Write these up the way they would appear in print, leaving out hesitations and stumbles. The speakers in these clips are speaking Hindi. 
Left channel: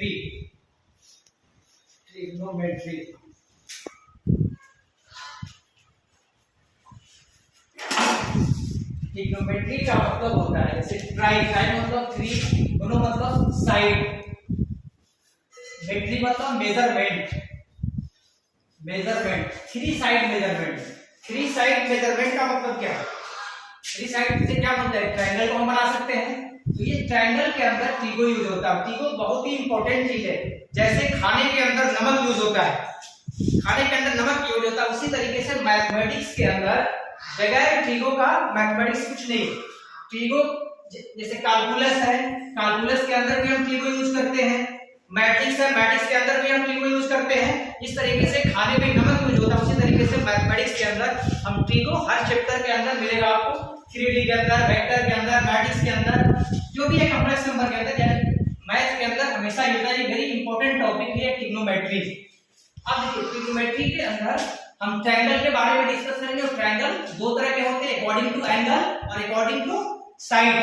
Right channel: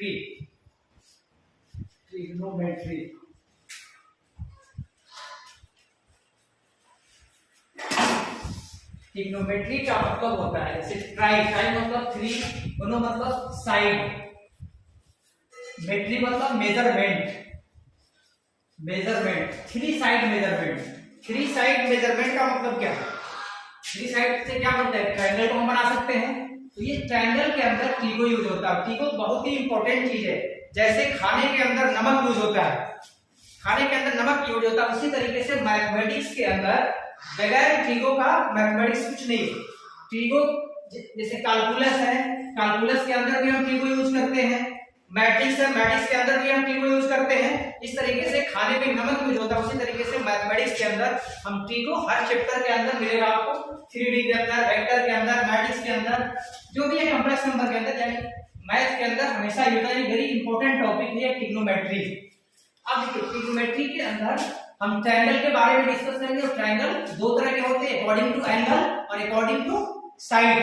Trigonometry, trigonometry. ट्रिग्नोमेट्री का मतलब होता है जैसे ट्राई, ट्राई मतलब थ्री, दोनों मतलब साइड, मेट्री मतलब measurement, measurement, three side measurement. Three side measurement का मतलब क्या है? थ्री साइड से क्या बनता है? ट्रायंगल को हम बना सकते हैं। तो ये ट्रायंगल के अंदर ट्रिगो यूज होता है। ट्रिगो बहुत ही इंपॉर्टेंट चीज है। जैसे खाने के अंदर नमक यूज होता है, खाने के अंदर नमक यूज होता है, उसी तरीके से मैथमेटिक्स के अंदर बगैर ट्रिगो का मैथमेटिक्स कुछ नहीं। ट्रिगो जैसे कैलकुलस है, कैलकुलस के अंदर भी हम ट्रिगो यूज करते हैं। मैट्रिक्स है, मैट्रिक्स के अंदर भी हम ट्रिगो यूज करते हैं। इस तरीके से खाने में नमक यूज होता है, उसी तरीके से मैथमेटिक्स के अंदर हम ट्रिगो हर चैप्टर के अंदर मिलेगा आपको। 3D के अंदर, वेक्टर के अंदर, मैट्रिक्स के अंदर, जो भी है कॉम्प्लेक्स नंबर के अंदर, यानी मैथ के अंदर हमेशा ये वेरी इंपॉर्टेंट टॉपिक है ट्रिग्नोमेट्री। अब देखिए ट्रिग्नोमेट्री के अंदर हम ट्रायंगल के बारे में डिस्कस करेंगे। और ट्रायंगल दो तरह के होते हैं, अकॉर्डिंग टू एंगल और according to side.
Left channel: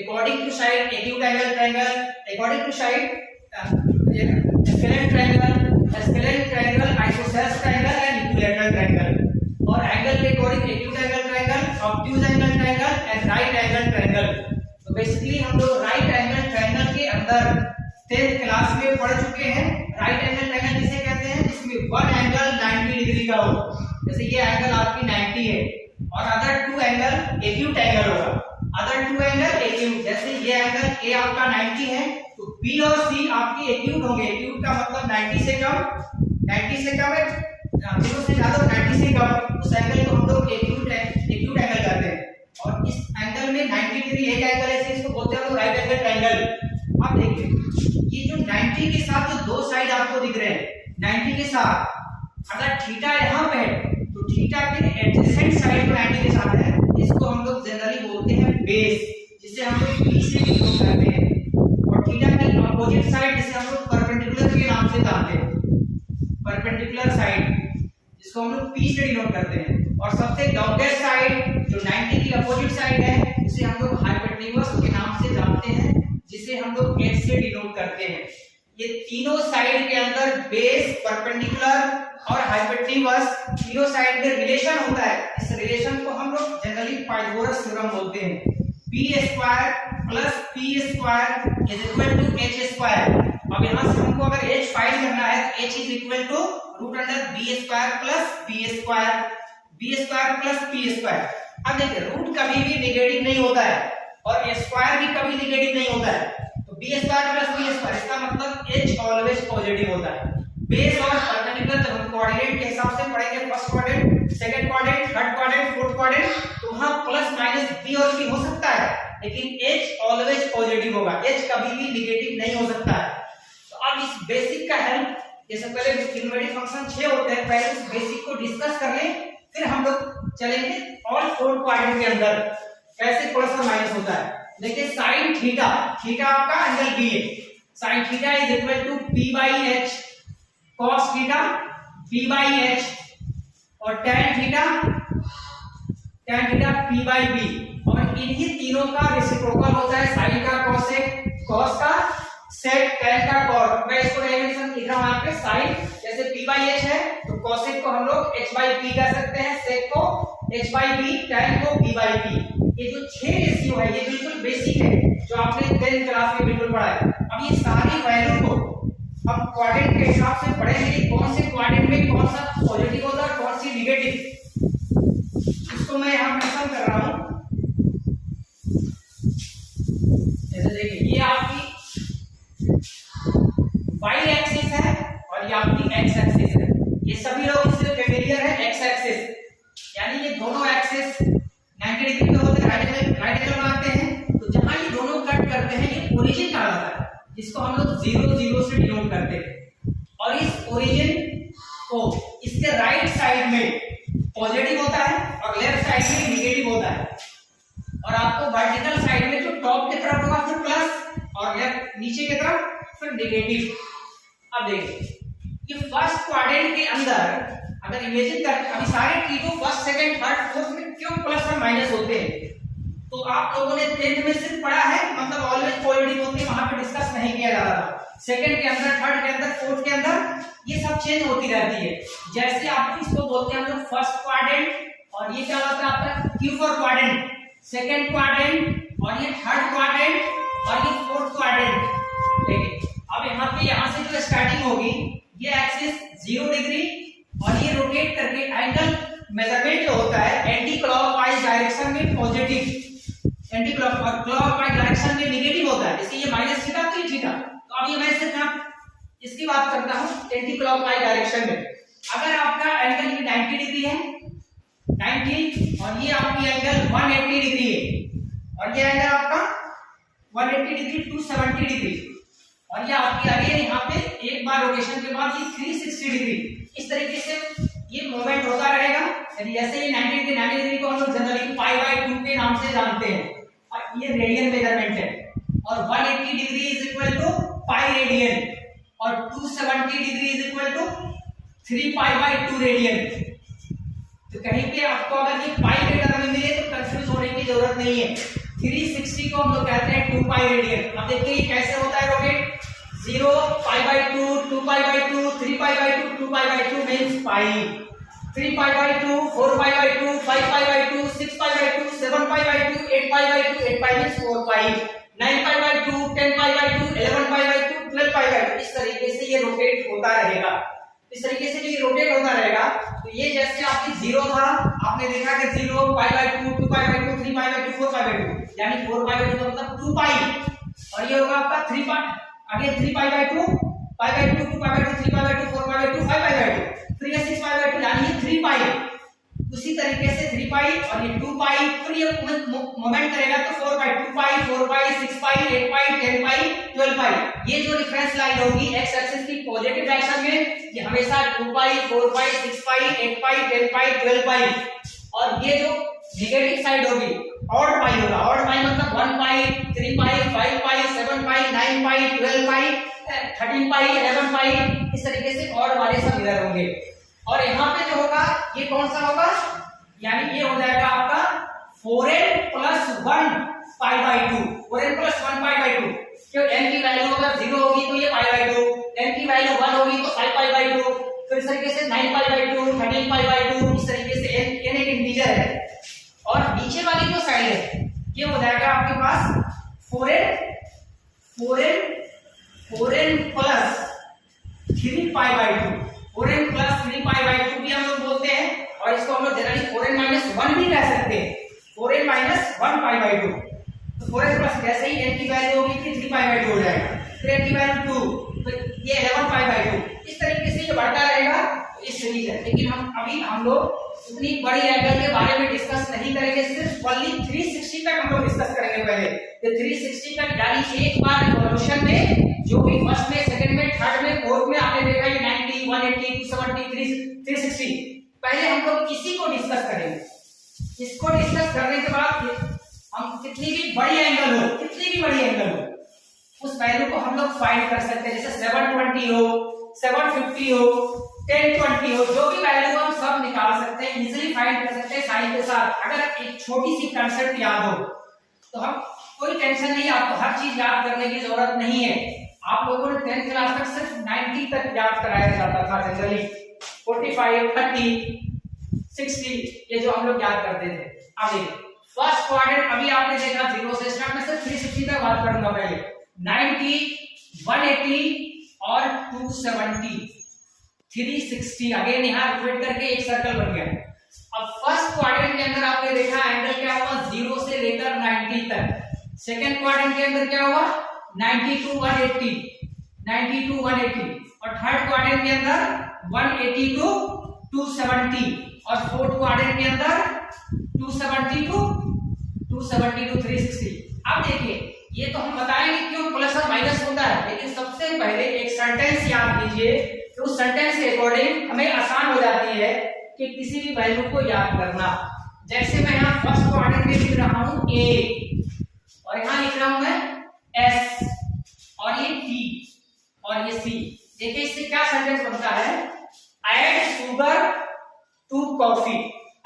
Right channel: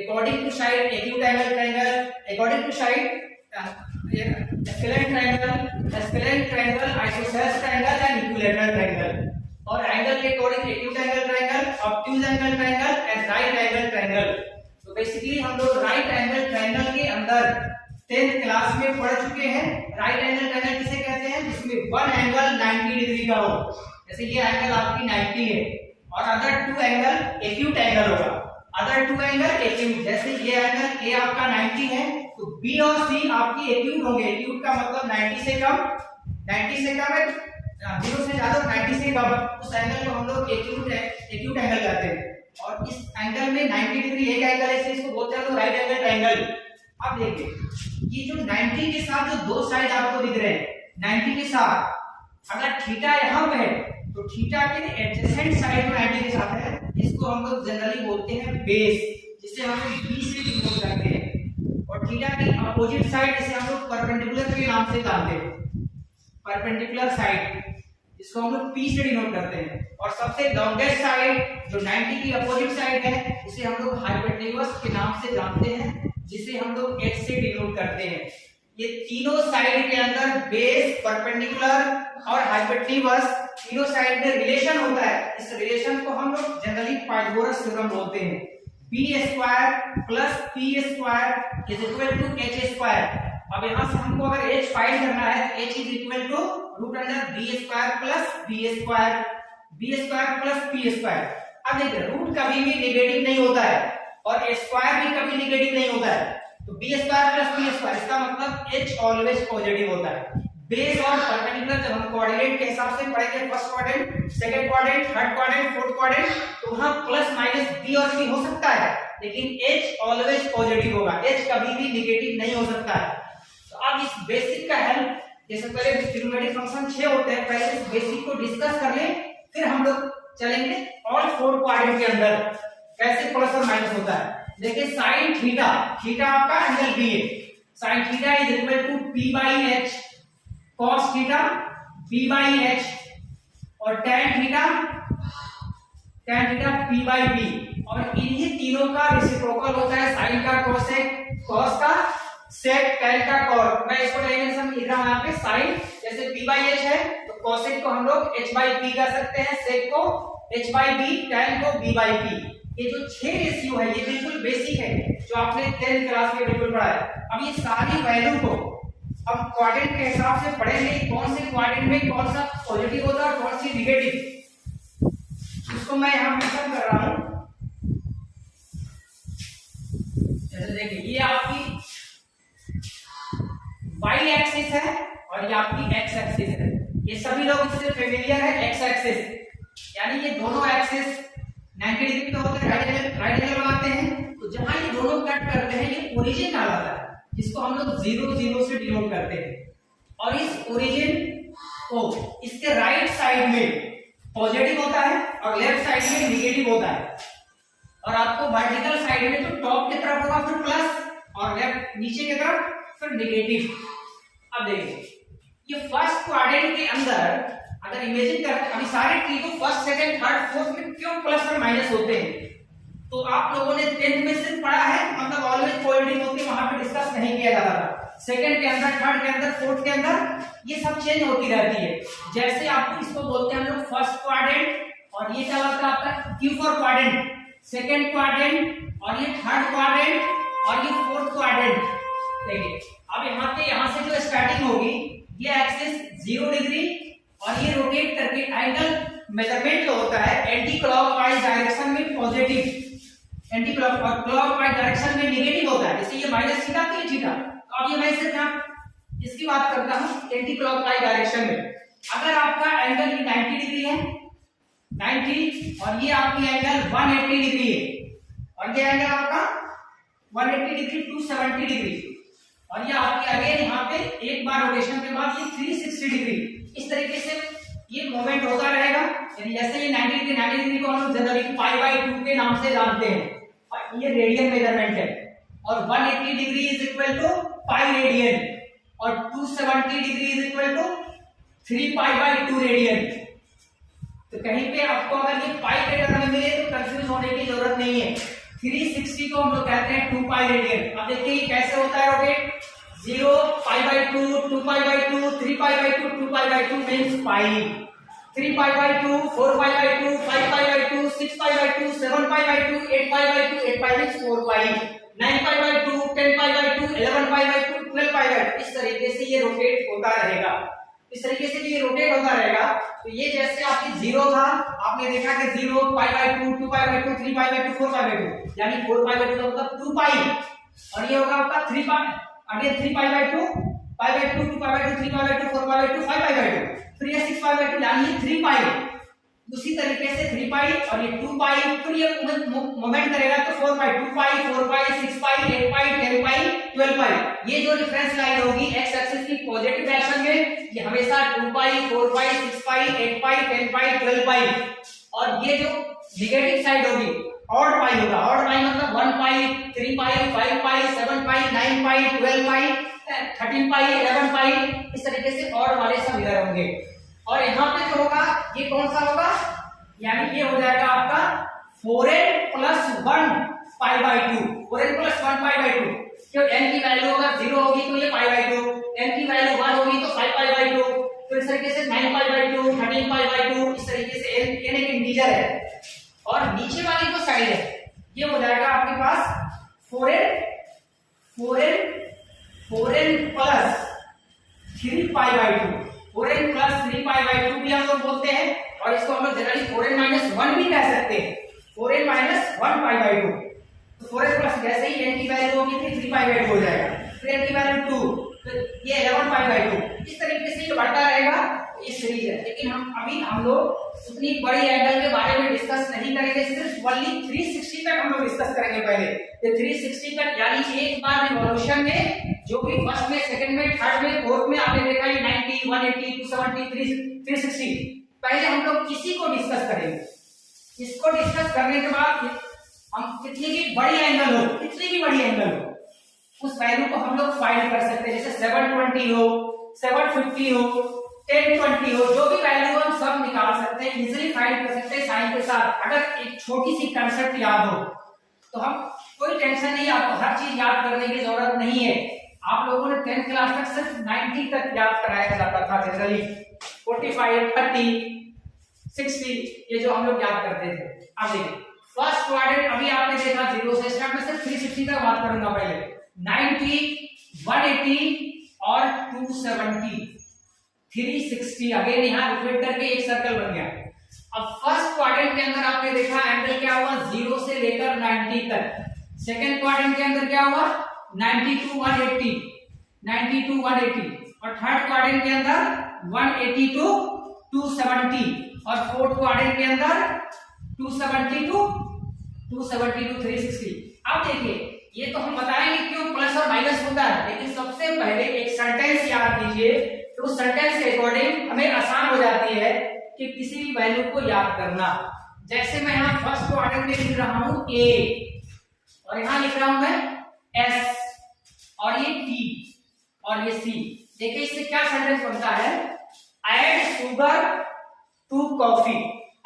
According to side acute angle triangle, according to side scalene triangle, scalene triangle, isosceles triangle and equilateral triangle. और एंगल के according acute angle triangle, obtuse angle triangle and right angle triangle. तो बेसिकली हम लोग राइट एंगल ट्रायंगल के अंदर 10th क्लास में पढ़ चुके हैं। राइट एंगल ट्रायंगल किसे कहते हैं? जिसमें वन एंगल 90 डिग्री का हो, जैसे ये एंगल आपकी 90 है, और other two angle acute angle होगा, अदर टू एंगल एक्यूट। जैसे ये एंगल ए आपका 90 है तो बी और सी आपकी एक्यूट होंगे। एक्यूट का मतलब 90 से कम, 90 से कम है, 0 से ज्यादा, 90 से कम, उस एंगल को हम लोग एक्यूट एंगल कहते हैं। और इस एंगल में 90 डिग्री एक एंगल है, इसको बोलते हैं हम लोग राइट एंगल ट्रायंगल। अब देखिए ये जो 90 के साथ जो दो साइड आपको दिख रहे हैं, 90 के साथ अगर थीटा यहाँ पे है तो थीटा के एडजेसेंट साइड में 90 के साथ है, इसको हम लोग जनरली बोलते हैं बेस, जिसे हम लोग बी से डिनोट करते हैं। और थीटा की अपोजिट साइड जिसे हम लोग परपेंडिकुलर के नाम से जानते हैं, परपेंडिकुलर साइड, जिसको हम लोग पी से डिनोट करते हैं। और सबसे लॉन्गेस्ट साइड जो 90 की अपोजिट साइड है, उसे हम लोग हाइपोटेन्यूज के नाम से जानते हैं, जिसे हम लोग एच से डिनोट करते हैं। ये तीनों साइड के अंदर बेस, परपेंडिकुलर और हाइपोटेन्यूज, तीनों साइड में रिलेशन होता है। इस रिलेशन को हम लोग जनरली पाइथागोरस थ्योरम बोलते हैं। b square plus p square is equal to h square. अब यहां से हमको अगर h फाइंड करना है तो h is equal to root under b square plus b square, b square plus p square. अब देखिए रूट कभी भी नेगेटिव नहीं होता है और स्क्वायर भी कभी नेगेटिव नहीं होता है, तो b square plus p square, इसका मतलब h ऑलवेज पॉजिटिव होता है। बेस और परपेंडिकुलर जब हम कोऑर्डिनेट के हिसाब से पढ़ेंगे, first quadrant, second quadrant, third quadrant, fourth quadrant, तो वहां प्लस माइनस b और c हो सकता है, लेकिन h ऑलवेज पॉजिटिव होगा, h कभी भी नेगेटिव नहीं हो सकता है। तो अब इस बेसिक का हेल्प, जैसे पहले ट्रिग्नोमेट्रिक फंक्शन 6 होते हैं, पहले इस बेसिक को डिस्कस कर लें, फिर हम लोग चलेंगे ऑल फोर क्वाड्रेंट के अंदर कैसे प्लस और माइनस होता है। देखिए साइन थीटा, थीटा आपका एंगल b है, sine theta is equal to p by h, cos theta p by h, और tan theta p by b। और इन्हीं तीनों का रेसिप्रोकल होता है, साइन का कोसेक, cos का सेक, tan का cot। मैं इसको डायमेंशन लिख रहा हूं यहाँ पे, साइन जैसे p बाई h है तो कोसेक को हम लोग h बाई p कर सकते हैं, सेक को h बाई b, tan को b बाई p। ये जो 6 रेशियो है ये बिल्कुल बेसिक है, जो आपने 10th क्लास में बिल्कुल पढ़ा है। अब ये सारी वैल्यू को हम क्वाड्रेंट के हिसाब से पढ़ेंगे कि कौन से क्वाड्रेंट में कौन सा पॉजिटिव होता है, कौन सी नेगेटिव, इसको मैं यहां मेंशन कर रहा हूं। जैसे देखिए ये आपकी y एक्सिस है और ये आपकी x एक्सिस है, ये सभी लोग इससे फेमिलियर है। x एक्सिस यानी ये दोनों एक्सिस 90 डिग्री पे होते हैं, राइट एंगल बनाते हैं, तो जहां ये दोनों कट करते हैं ये ओरिजिन कहलाता है, जिसको हम लोग 0 0 से डिनोट करते हैं। और इस ओरिजिन को इसके राइट साइड में पॉजिटिव होता है और लेफ्ट साइड में नेगेटिव होता है। और आपको वर्टिकल साइड में जो टॉप की तरफ होगा फिर प्लस और लेफ्ट नीचे की तरफ फिर नेगेटिव। अब देखिए ये फर्स्ट क्वाड्रेंट के अंदर अगर इमेजिन कर, अभी सारे ट्री को फर्स्ट, सेकंड, थर्ड, फोर्थ में क्यों प्लस और माइनस होते हैं, तो आप लोगों ने 10th में सिर्फ पढ़ा है, मतलब ऑलवेज पॉजिटिव होती है, वहां पे डिस्कस नहीं किया जा रहा था। सेकंड के अंदर, थर्ड के अंदर, फोर्थ के अंदर, ये सब चेंज होती रहती है। जैसे आपको इसको बोलते हैं हम लोग फर्स्ट क्वाड्रेंट, और ये क्या होता है आपका Q for quadrant, second quadrant, और ये थर्ड क्वाड्रेंट, और ये फोर्थ क्वाड्रेंट। देखिए अब यहाँ से जो स्टार्टिंग होगी, ये एक्सिस 0 डिग्री, और ये रोटेट करके एंगल मेजरमेंट जो होता है एंटी क्लॉकवाइज डायरेक्शन में पॉजिटिव, एंटी क्लॉकवाइज डायरेक्शन में नेगेटिव होता है। जैसे ये माइनस थीटा तो ये थीटा, तो अब ये मैं सिर्फ यहाँ इसकी बात करता हूँ एंटी क्लॉकवाइज डायरेक्शन में। अगर आपका एंगल ये 90 डिग्री है, 90, और ये आपकी एंगल 180 डिग्री है, और ये एंगल आपका 180 डिग्री 270 डिग्री, और ये आपकी अगेन यहाँ पे एक बार रोटेशन के बाद ये 360 डिग्री। इस तरीके से ये मूवमेंट होता रहेगा। यानी जैसे ये 90 डिग्री को हम लोग जनरली पाई बाय 2 के नाम से जानते हैं, और ये रेडियन मेजरमेंट है, और 180 degree is equal to pi radian, और 270 degree is equal to 3 pi by 2 radian. तो कहीं पे आपको अगर ये पाई के टर्म में मिले तो कंफ्यूज होने की जरूरत नहीं है। 360 को हम लोग कहते हैं 2 पाई रेडियन। अब देखिए ये कैसे होता है rotate, 0 pi by 2, 2 pi by 2, 3 pi by 2, 2 pi by 2 means pi, 3 pi by 2, 4 pi by 2, 5 pi by 2, 6 pi by 2, 7 pi by 2, 8 pi by 2, 8 pi means 4 pi, 9 pi by 2, 10 pi by 2, 11 pi by 2, 12 pi by 2। इस तरीके से ये रोटेट होता रहेगा। इस तरीके से ये रोटेट होता रहेगा। तो ये जैसे आपकी 0 था, आपने देखा कि 0 पाई by 2, 2 pi by 2, 3 pi by 2, 4 pi by 2, यानी 4 पाई बाय 2 का मतलब 2 पाई, और ये होगा आपका 3 pi, again 3 pi by 2, pi by 2, 2 pi by 2, 3 pi by 2, 4 pi by 2, 5 pi by 2, फिर ये 6 पाई बाय 2, यानी ये 3 पाई। उसी तरीके से 3 पाई और ये 2 पाई, फिर ये मोमेंट करेगा तो 4 पाई, 2 पाई, 4 पाई, 6 पाई, 8 पाई, 10 पाई, 12 पाई। ये जो डिफरेंस लाइन होगी एक्स एक्सिस की पॉजिटिव डायरेक्शन में, ये हमेशा 2 पाई, 4 पाई, 6 पाई, 8 पाई, 10 पाई, 12 पाई, और ये जो नेगेटिव साइड होगी ऑड पाई होगा। ऑड पाई मतलब 1 पाई, 3 पाई, 5 पाई, 7 पाई, 9 पाई, 12 पाई, 13 पाई, 11 पाई, इस तरीके से ऑड वाले सब इधर होंगे। और यहाँ पे जो होगा ये कौन सा होगा, यानी ये हो जाएगा आपका 4n plus 1 pi by 2, 4n plus 1 pi by 2। क्यों, n की वैल्यू अगर 0 होगी तो ये पाई बाय 2, n की वैल्यू 1 होगी तो 5 पाई बाय 2, फिर इस तरीके से 9 पाई बाय 2, 13 पाई बाय 2, इस तरीके से n एक इंटीजर है। और नीचे वाली जो साइड है ये हो जाएगा आपके पास 4n plus 3 pi by 2, 4n plus 3 pi by 2 भी हम लोग बोलते हैं, और इसको हम लोग जनरली 4n माइनस 1 भी कह सकते हैं, 4n माइनस 1 पाई बाय 2। तो 4n प्लस जैसे ही n की वैल्यू होगी तो 3 पाई बाय 2 हो जाएगा, फिर n की वैल्यू 2, तो ये 11 पाई बाय 2। इस तरीके से ये बढ़ता रहेगा। इस सीरीज है, लेकिन हम लोग उतनी बड़ी एंगल के बारे में डिस्कस नहीं करेंगे, सिर्फ ओनली 360 तक हम लोग डिस्कस करेंगे पहले। ये 360 तक यानी एक बार रिवॉल्यूशन में जो भी फर्स्ट में, सेकंड में, थर्ड में, फोर्थ में आपने देखा ये 90, 180, 270, 360, पहले हम लोग इसी को डिस्कस करेंगे। इसको डिस्कस करने के बाद हम कितनी भी बड़ी एंगल हो उस वैल्यू को हम लोग फाइंड कर सकते हैं। जैसे 720 हो, 750 हो, 1020 हो, जो भी वैल्यू हम सब निकाल सकते हैं, इजीली फाइंड कर सकते हैं साइन के साथ। अगर एक छोटी सी कंसेप्ट याद हो तो हम कोई टेंशन नहीं, आपको हर चीज याद करने की जरूरत नहीं है। आप लोगों ने 10th क्लास तक सिर्फ 90 तक याद कराया जाता था जनरली, 45, 30, 60 ये जो हम लोग याद करते थे। अब देखिए फर्स्ट क्वाड्रेंट अभी आपने देखा 0 से स्टार्ट, में सिर्फ 360 तक बात करूंगा पहले। 90, 180 और 270, 360 अगेन यहाँ रिपीट करके एक सर्कल बन गया। अब फर्स्ट क्वाड्रेंट के अंदर आपने देखा एंगल क्या हुआ 0 से लेकर 90 तक। सेकंड क्वाड्रेंट के अंदर क्या हुआ 90 to 180, 90 to 180, और थर्ड क्वाड्रेंट के अंदर 180 to 270, और फोर्थ क्वाड्रेंट के अंदर 270 to 360। अब देखिए ये तो हम बताएंगे क्यों प्लस और माइनस होता है, लेकिन सबसे पहले एक सेंटेंस याद कीजिए, तो उस सेंटेंस के अकॉर्डिंग हमें आसान हो जाती है कि किसी भी वैल्यू को याद करना। जैसे मैं यहाँ फर्स्ट क्वाड्रेंट में लिख रहा हूं A, और यहाँ लिख रहा हूं मैं S, और ये T, और ये C। देखिए इससे क्या सेंटेंस बनता है, add sugar to coffee,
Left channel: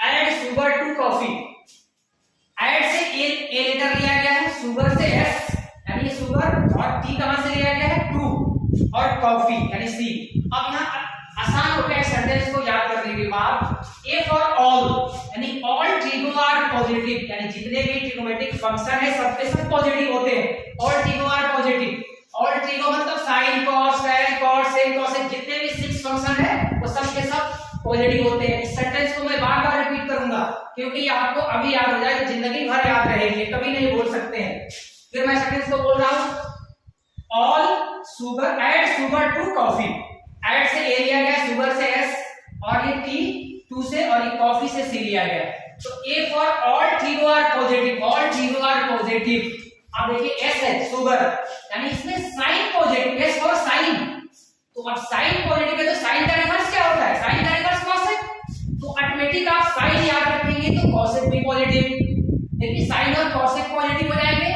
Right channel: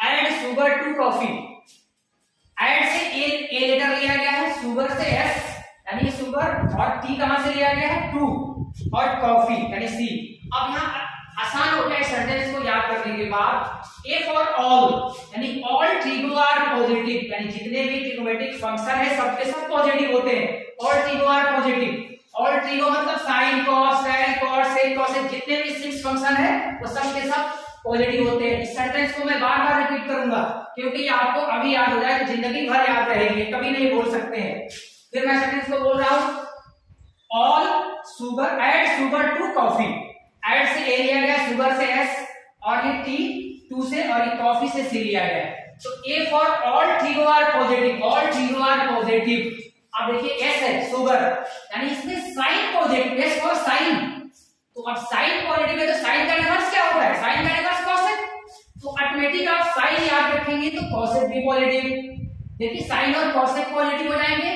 add sugar to coffee. Add से ए लेटर लिया गया है, शुगर से S, यानी शुगर, और T कहां से लिया गया है 2, और कॉफी यानी सी। अब यहाँ आसान हो गया इस सेंटेंस को याद करने के बाद। ए फॉर ऑल यानी ऑल ट्रिगो आर पॉजिटिव, यानी जितने भी ट्रिगोमेट्रिक फंक्शन है सबके सब पॉजिटिव होते हैं। All trigo are positive, all trigo मतलब sine cos tan cot sec cosec, जितने भी 6 फंक्शन है वो सब के सब पॉजिटिव होते हैं। इस सेंटेंस को मैं बार बार रिपीट करूंगा क्योंकि आपको अभी याद हो जाए तो जिंदगी भर याद रहेगी, कभी नहीं बोल सकते हैं। फिर मैं सेंटेंस को बोल रहा हूं, all sugar add sugar to coffee. Add से ए लिया गया, शुगर से एस, और ये टी 2 से, और ये कॉफी से सी लिया गया। तो A for all trigo are positive, all trigo are positive. अब देखिए एस है शुगर, यानी इसमें sine positive, S for sine. तो अब साइन पॉजिटिव है तो साइन का रिवर्स क्या होता है? साइन का रिवर्स कॉसेक। तो ऑटोमेटिक आप साइन याद रखेंगे तो कॉसेक भी पॉजिटिव। देखिए साइन और कॉसेक पॉजिटिव हो जाएंगे।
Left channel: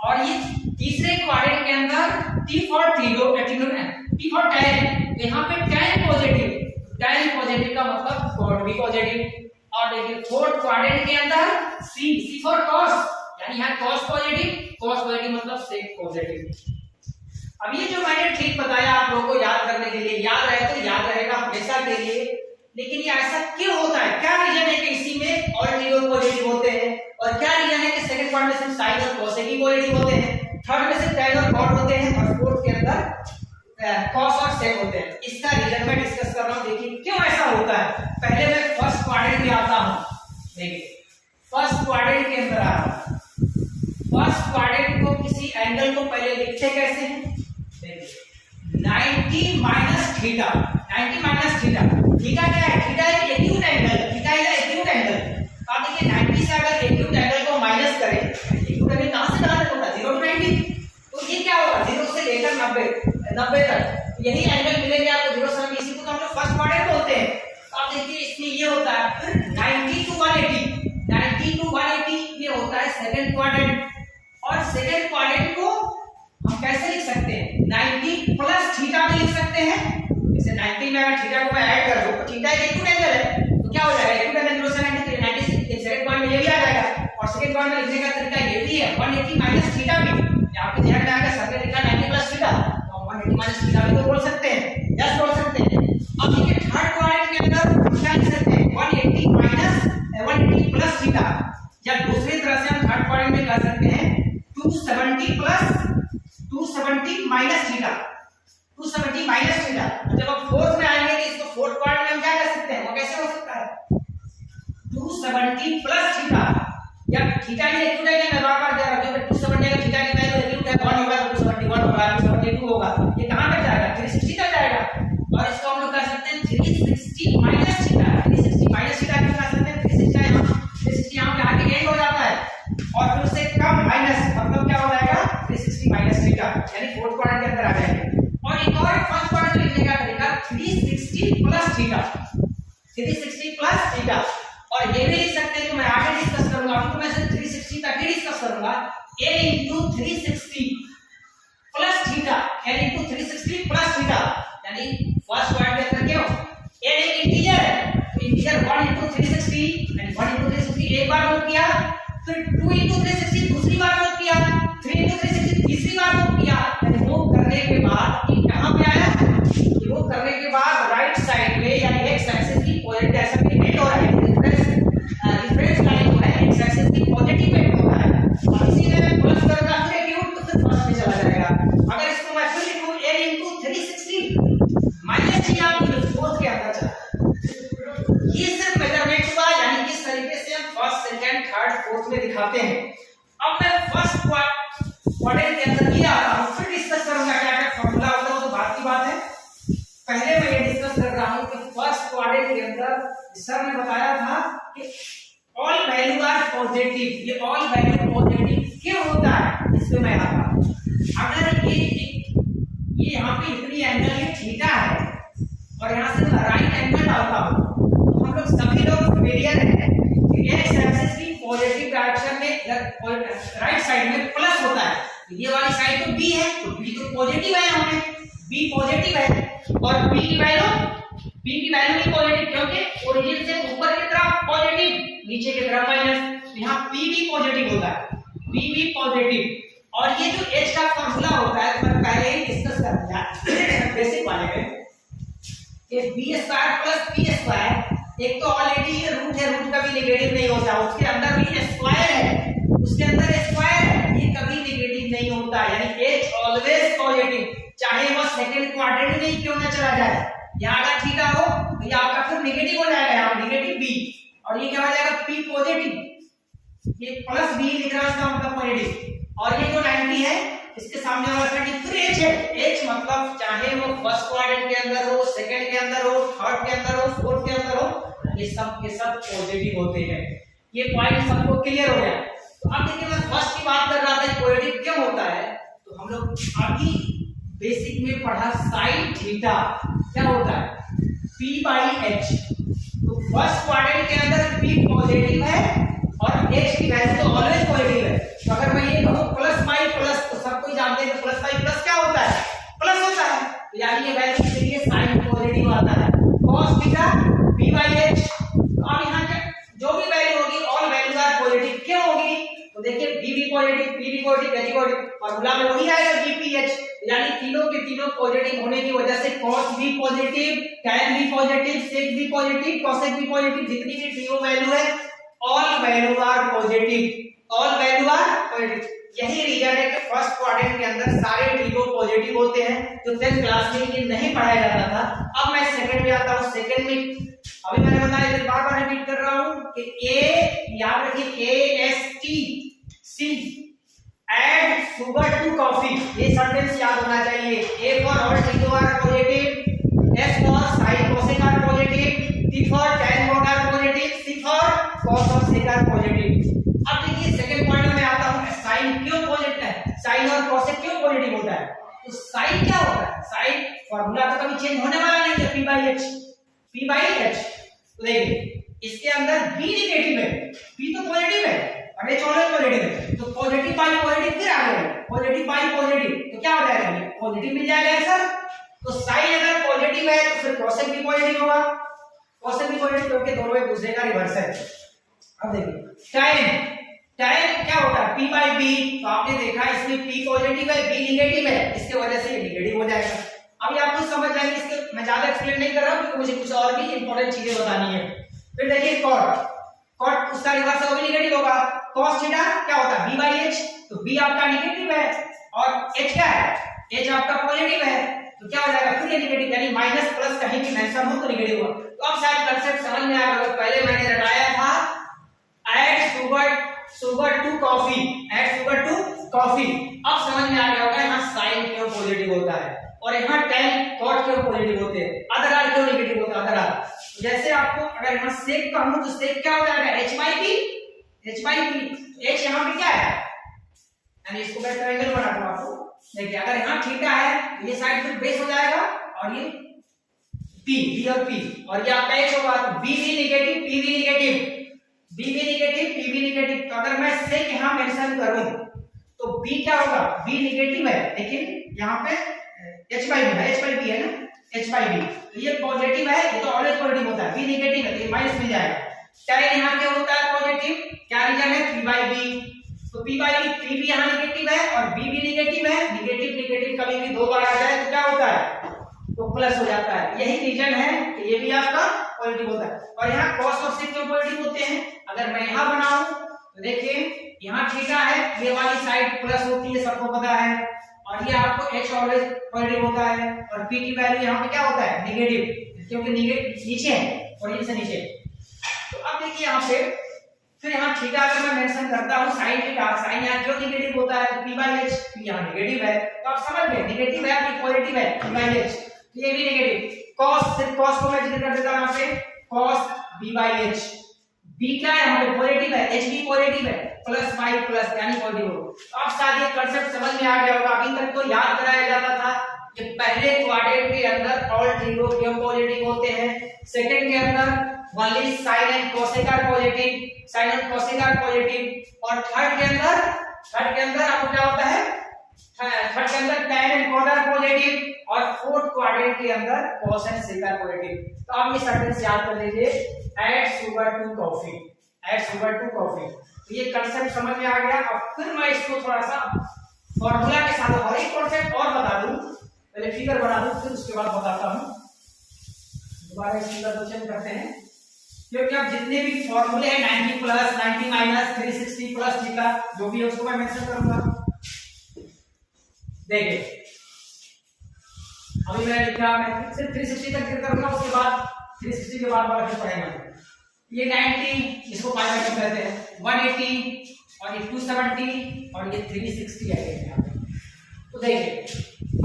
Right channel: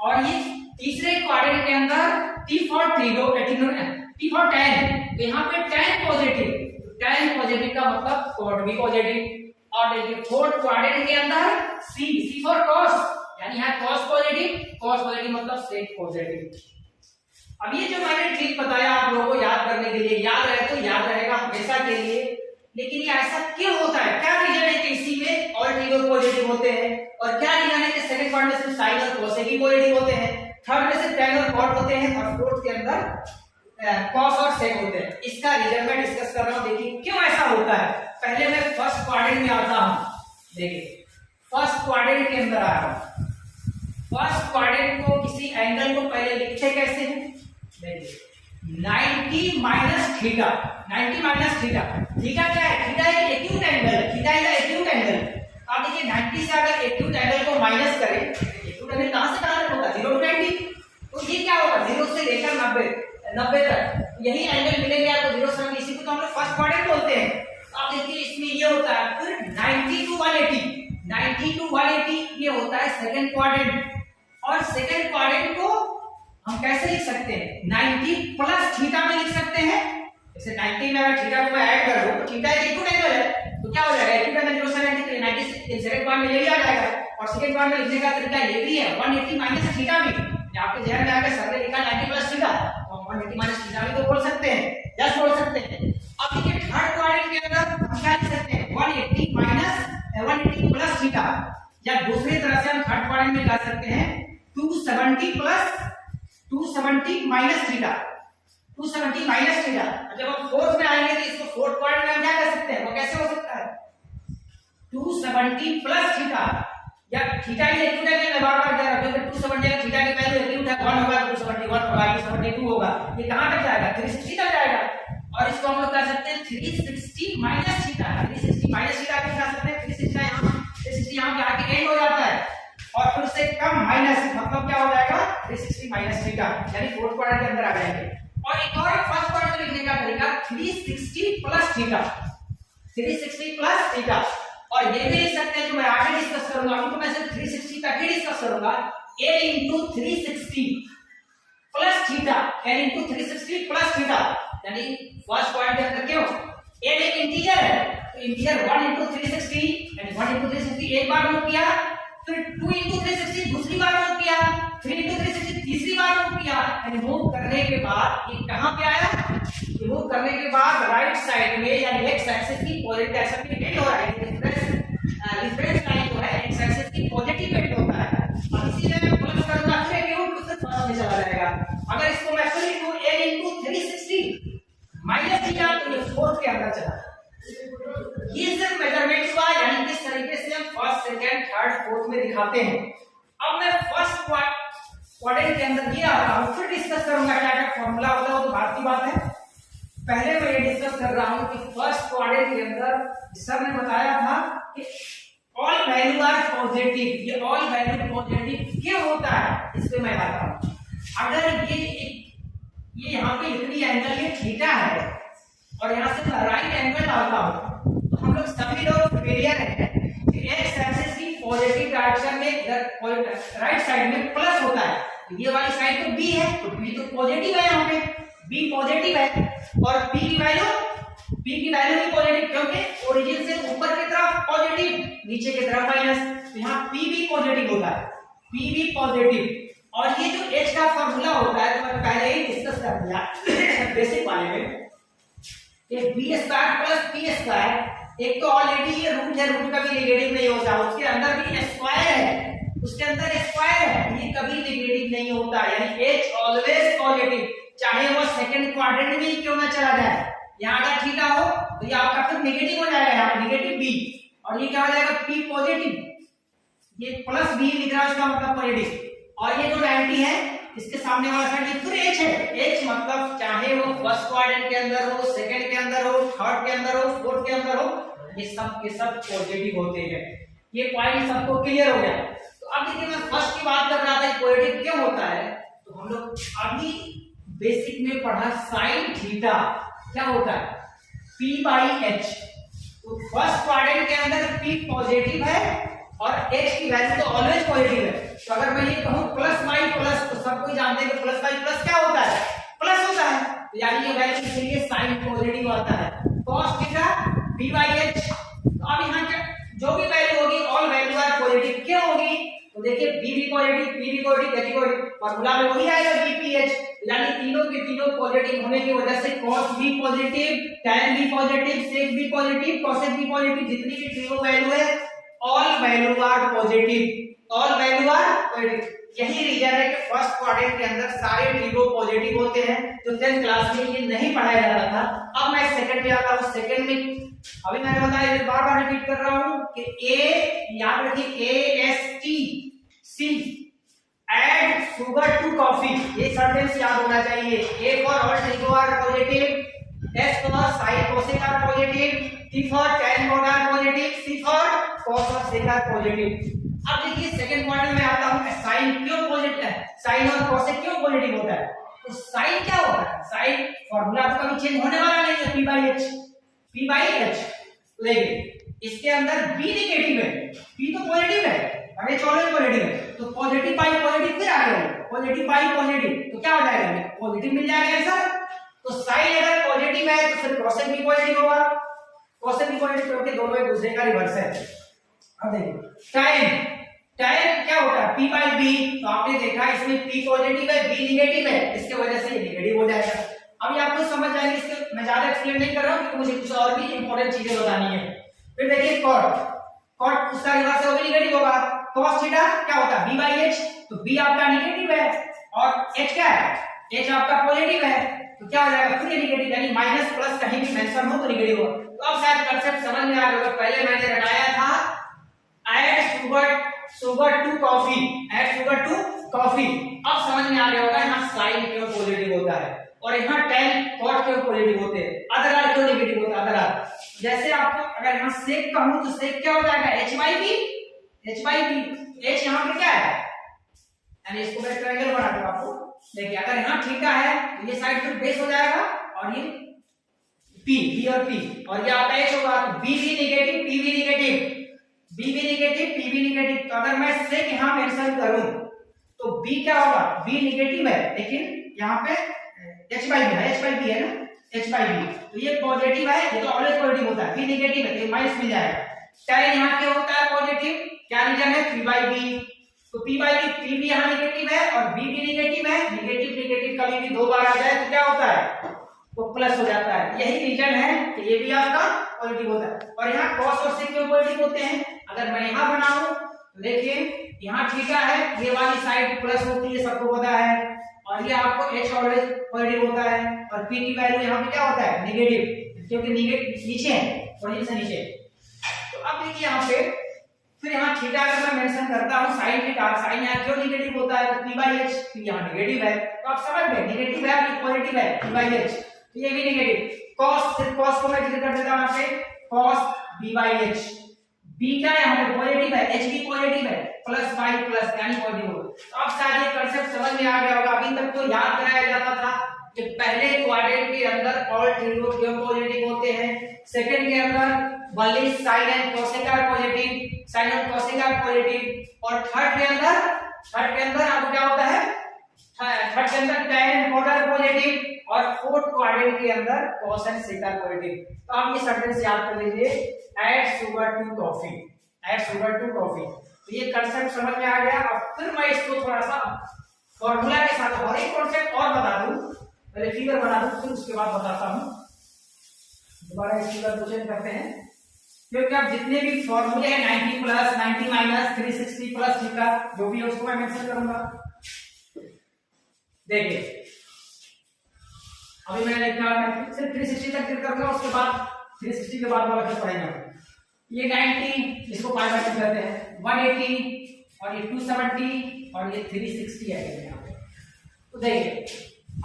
और ये तीसरे क्वाड्रेंट के अंदर T for trigo, T for tan, तो यहाँ पे टैन पॉजिटिव, टैन पॉजिटिव का मतलब कॉट भी पॉजिटिव। और देखिए फोर्थ क्वाड्रेंट के अंदर सी, सी फॉर कॉस, यानी यहाँ कॉस पॉजिटिव, कॉस पॉजिटिव मतलब सेक पॉजिटिव। अब ये जो मैंने ठीक बताया आप लोगों को याद करने के लिए, याद रहे तो याद रहेगा हमेशा के लिए। लेकिन ये ऐसा क्यों होता है? क्या रीजन है कि इसी में ऑल ट्रिगो पॉजिटिव होते हैं, और क्या रीजन है कि सेकंड पार्ट में सिर्फ साइन और कॉसेक ही पॉजिटिव होते हैं, थर्ड में सिर्फ टैन और कॉट होते हैं, और फोर्थ के अंदर कॉस और सेक होते हैं? इसका रीजन मैं डिस्कस कर रहा हूं। देखिए क्यों ऐसा होता है। पहले मैं फर्स्ट क्वाड्रेंट में आता हूं। देखिए फर्स्ट क्वाड्रेंट के अंदर आ रहा हूं। फर्स्ट क्वाड्रेंट को किसी एंगल को पहले लिखते कैसे हैं? देखिए 90 minus theta, 90 minus theta. Theta क्या है? थीटा एक acute angle, theta is acute angle. आप देखिए 90 से अगर एक्यूट एंगल को माइनस करें, एक्यूट एंगल कहां से कहां तक होता है? 0 to 90। तो ये क्या होगा? 0 से लेकर 90 तक यही एंगल मिलेंगे आपको 0 से 90। इसी को तो हम लोग फर्स्ट क्वाड्रेंट बोलते हैं। आप देखिए इसमें ये होता है। फिर 90 to 180, 90 to 180 ये होता है सेकंड क्वाड्रेंट। और सेकंड क्वाड्रेंट को हम कैसे लिख सकते हैं? 90 प्लस थीटा में लिख सकते हैं। जैसे 90 में अगर थीटा को मैं ऐड कर दूं तो थीटा एक एक्यूट एंगल है, तो क्या हो जाएगा? एक्यूट एंगल 0 से 90, तो 90 से सेकंड पॉइंट में ये भी आ जाएगा। और सेकंड पॉइंट में लिखने का तरीका ये भी है, 180 माइनस थीटा भी। आपके ध्यान में आएगा सर ने लिखा 90 प्लस थीटा, तो हम 180 माइनस थीटा भी तो बोल सकते हैं, यस बोल सकते हैं। अब देखिए थर्ड क्वाड्रेंट के अंदर हम क्या लिख सकते हैं? 180 माइनस 180 प्लस थीटा, या दूसरी तरह से हम थर्ड क्वाड्रेंट में कर सकते हैं 270 plus 270 minus theta, 270 minus theta. जब हम फोर्थ में आएंगे तो इसको फोर्थ क्वाड्रेंट में हम क्या कर सकते हैं? वो कैसे हो सकता है? 270 प्लस थीटा, या थीटा ही एक्यूट है कि मैं बार-बार कह रहा हूं क्योंकि 270 का थीटा की वैल्यू एक्यूट है, 1 होगा 271 होगा 272 होगा, ये कहां तक जाएगा? 360 तक जाएगा। और इसको हम लोग कह सकते हैं 360 माइनस थीटा, 360 माइनस थीटा क्यों कह सकते हैं? 360 यहां 360 यहां पे आके एंड हो जाता है, और फिर उससे कम माइनस मतलब क्या हो जाएगा? 360 माइनस थीटा, यानी फोर्थ क्वाड्रेंट के अंदर आ जाएंगे। और एक और फर्स्ट क्वाड्रेंट में लिखने का तरीका 360 प्लस थीटा, 360 प्लस थीटा। और ये भी लिख सकते हैं, तो मैं आगे डिस्कस करूंगा, अभी तो मैं सिर्फ 360 तक ही डिस्कस करूंगा। a into 360 plus theta, n into 360 plus theta, यानी फर्स्ट क्वाड्रेंट के अंदर क्यों? n एक इंटीजर है, तो इंटीजर 1 into 360, यानी 1 into 360 एक बार मूव किया, फिर 2 into 360 दूसरी बार मूव किया, 3 into 360 तीसरी बार मूव किया। यानी मूव करने के बाद ये कहां पे आया? मूव करने के बाद राइट साइड में, यानी एक्स एक्सिस की पॉजिटिव डायरेक्शन में हिट हो रहा है, रिफरेंस लाइन जो है एक्स एक्सिस की पॉजिटिव हिट होता है। अब इसीलिए मैं प्लस करूंगा, फिर एक्यूट तो फिर फर्स्ट में चला जाएगा। अगर इसको मैं फिर लिखूं a into 360 माइनस थीटा, तो ये फोर्थ के अंदर चला। ये सिर्फ मेजरमेंट हुआ, यानी किस तरीके से हम फर्स्ट सेकंड थर्ड फोर्थ में दिखाते हैं। अब मैं फर्स्ट क्वाड्रेंट के अंदर ये आता हूं, फिर डिस्कस करूंगा क्या क्या फॉर्मूला होता है, वो तो बात की बात है। पहले मैं ये डिस्कस कर रहा हूं कि फर्स्ट क्वाड्रेंट के अंदर सर ने बताया था कि ऑल वैल्यू आर पॉजिटिव। ये ऑल वैल्यू पॉजिटिव क्यों होता है, इस पे मैं आता हूं। अगर ये यहाँ पे इतनी एंगल ये थीटा है और यहाँ से मैं राइट एंगल डालता हूं, तो हम लोग सभी लोग फेलियर हैं। एक्स एक्सिस की पॉजिटिव डायरेक्शन में राइट साइड में प्लस होता है, तो ये वाली साइड तो बी है, तो बी तो पॉजिटिव है, यहाँ पे बी पॉजिटिव है। और बी की वैल्यू भी पॉजिटिव, क्योंकि ओरिजिन से ऊपर की तरफ पॉजिटिव, नीचे की तरफ माइनस, तो यहाँ पी भी पॉजिटिव होता है, पी भी पॉजिटिव। और ये जो H का फॉर्मूला होता है तो मैं पहले ही डिस्कस कर दिया बेसिक वाले में कि b square plus p square, एक तो ऑलरेडी ये रूट है, रूट कभी नेगेटिव नहीं होता, उसके अंदर भी स्क्वायर है, उसके अंदर स्क्वायर है, ये कभी नेगेटिव नहीं होता, यानी H ऑलवेज पॉजिटिव, चाहे वो सेकंड क्वाड्रेंट में क्यों ना चला जाए। यहाँ अगर थीटा हो तो ये आपका फिर नेगेटिव हो जाएगा, यहाँ नेगेटिव बी, और ये क्या हो जाएगा पी पॉजिटिव, ये प्लस बी लिख रहा है इसका मतलब पॉजिटिव, और ये जो 90 है इसके सामने वाला साइड फिर H है, H मतलब चाहे वो फर्स्ट क्वाड्रेंट के अंदर हो, सेकंड के अंदर हो, थर्ड के अंदर हो, फोर्थ के अंदर हो, ये सब पॉजिटिव होते हैं। ये पॉइंट सबको क्लियर हो गया। तो अब देखिए मैं फर्स्ट की बात कर रहा था पॉजिटिव क्यों होता है, तो हम लोग अभी बेसिक में पढ़ा साइन थीटा क्या होता है P बाई H, तो फर्स्ट क्वाड्रेंट के अंदर P पॉजिटिव है और H की वैल्यू तो ऑलवेज पॉजिटिव है। तो अगर मैं ये कहूं प्लस बाई प्लस, तो सब कोई जानते हैं कि प्लस बाई प्लस क्या होता है, प्लस होता है, तो यानी ये वैल्यू के लिए साइन पॉजिटिव आता है। cos theta P by H, तो अब यहाँ क्या जो भी वैल्यू होगी ऑल वैल्यू आर पॉजिटिव क्यों होगी, तो देखिए B भी पॉजिटिव, P भी पॉजिटिव, H भी पॉजिटिव, फार्मूला में वही आएगा BPH, यानी तीनों के तीनों पॉजिटिव होने की वजह से cos भी पॉजिटिव, tan भी पॉजिटिव, sec भी पॉजिटिव, cosec भी पॉजिटिव, जितनी भी तीनों वैल्यू है all value are positive, all value are positive. यही रीजन है कि फर्स्ट क्वाड्रेंट के अंदर सारे ट्रिगो पॉजिटिव होते हैं, जो 10th क्लास में ये नहीं पढ़ाया जाता था। अब मैं सेकंड में आता हूं, सेकंड में अभी मैंने बताया, बार बार रिपीट कर रहा हूं कि ए याद रखिए AST add sugar to coffee, ये सेंटेंस याद होना चाहिए। A for all trigo are positive, S for sine cosec are positive, T for tan mod are positive, C for cos और sec आर पॉजिटिव। अब देखिए सेकंड पॉइंट में आता हूं, साइन क्यों पॉजिटिव है, साइन और कोसेक क्यों पॉजिटिव होता है, तो साइन क्या होता है, साइन फार्मूला तो कभी चेंज होने वाला नहीं है, P बाई H। तो देखिए इसके अंदर B नेगेटिव है, P तो पॉजिटिव है, अगर H ऑलवेज पॉजिटिव है, तो पॉजिटिव बाई पॉजिटिव फिर आ गया, पॉजिटिव बाई पॉजिटिव, तो क्या हो जाएगा पॉजिटिव मिल जाएगा आंसर। तो साइन अगर पॉजिटिव है तो फिर कोसेक भी पॉजिटिव होगा, कोसेक भी पॉजिटिव क्योंकि दोनों एक दूसरे का रिवर्स है। अब देखिए tan क्या होता है P बाई B, तो आपने देखा इसमें P पॉजिटिव है, B नेगेटिव है, इसके वजह से ये नेगेटिव हो जाएगा। अभी आपको समझ जाएंगे, इसके मैं ज्यादा एक्सप्लेन नहीं कर रहा हूं क्योंकि मुझे कुछ और भी इंपॉर्टेंट चीजें बतानी है। फिर देखिए cot उसका रिवर्स होगा नेगेटिव होगा, cos थीटा क्या होता है B बाई H, तो B आपका नेगेटिव है और H क्या है, H आपका पॉजिटिव है, तो क्या हो जाएगा फिर ये नेगेटिव, यानी माइनस प्लस कहीं भी मेंशन हो तो नेगेटिव होगा। तो अब शायद कांसेप्ट समझ में आ गया। पहले मैंने रटाया था add sugar to coffee, add sugar to coffee, अब समझ में आ गया होगा यहाँ साइन क्यों पॉजिटिव होता है और यहाँ tan cot क्यों पॉजिटिव होते हैं, अदर आर क्यों नेगेटिव होता है, अदर आर। जैसे आपको अगर यहाँ sec कहूं तो sec क्या हो जाएगा H बाई B, H यहाँ पे क्या है, यानी इसको मैं ट्रायंगल बना दूं आपको, देखिए अगर यहाँ थीटा है तो ये साइड फिर बेस हो जाएगा और ये B और P, और ये आपका H होगा, तो B भी नेगेटिव, P भी नेगेटिव, B भी नेगेटिव, P भी नेगेटिव। तो अगर मैं sec यहाँ मेंशन करूं तो B क्या होगा, B नेगेटिव है लेकिन यहाँ पे H बाई B है ना, H बाई B, तो ये पॉजिटिव है, ये तो ऑलवेज पॉजिटिव होता है, B नेगेटिव है तो ये माइनस मिल जाएगा। tan यहाँ क्या होता है पॉजिटिव, क्या रीजन है P बाई B, तो P बाई B, P भी यहाँ नेगेटिव है और B भी नेगेटिव है, नेगेटिव कभी भी दो बार आ जाए तो क्या होता है वो प्लस हो जाता है, यही रीजन है कि ये भी आपका पॉजिटिव होता है। और यहाँ cos और sec क्यों पॉजिटिव होते हैं, अगर मैं यहाँ बनाऊं तो देखिए यहाँ थीटा है, ये वाली साइड प्लस होती है सबको पता है, और ये आपको H ऑलवेज पॉजिटिव होता है और P की वैल्यू यहाँ पे क्या होता है नेगेटिव, क्योंकि नीचे है और से नीचे। तो अब देखिए यहाँ पे फिर यहाँ थीटा अगर मैं मेंशन करता हूँ साइन थीटा, साइन यहाँ क्यों नेगेटिव होता है, तो P बाई H, P यहाँ नेगेटिव है, तो आप समझ गए नेगेटिव है ये पॉजिटिव है P बाई H, तो ये भी नेगेटिव। cos, सिर्फ cos को मैं जिक्र कर देता हूँ यहाँ पे cos B by H, B क्या है यहाँ पे पॉजिटिव है, H भी पॉजिटिव है, प्लस बाई प्लस यानी पॉजिटिव हो। तो अब शायद ये कांसेप्ट समझ में आ गया होगा। अभी तक तो याद कराया जाता था कि पहले क्वाड्रेंट के अंदर ऑल ट्रिगो क्यों पॉजिटिव होते हैं, सेकंड के अंदर only sine and cosec are positive, sine और कोसेक आर पॉजिटिव, और थर्ड के अंदर आपको क्या होता है, थर्ड के अंदर tan and cot are positive, और फोर्थ क्वाड्रेंट के अंदर cos and sec are positive. तो आप ये सेंटेंस याद कर लीजिए, add sugar to coffee, add sugar to coffee. तो ये कांसेप्ट समझ में आ गया। अब फिर मैं इसको थोड़ा सा फॉर्मूला के साथ और एक कॉन्सेप्ट और बता दूं, पहले फिगर बना दूं फिर उसके बाद बताता हूं। दोबारा इस फिगर को चेंज करते हैं, क्योंकि अब जितने भी फॉर्मूले हैं 90 प्लस 90 माइनस 360 प्लस थीटा जो भी है उसको मैं मेंशन करूंगा। देखिए अभी मैंने लिखा, मैं सिर्फ 360 तक क्लियर करूंगा, उसके बाद 360 के बाद वाला फिर पढ़ेंगे। ये 90 इसको पाई बाय कहते हैं, 180 और ये 270 और ये 360 है यहाँ पे। तो देखिए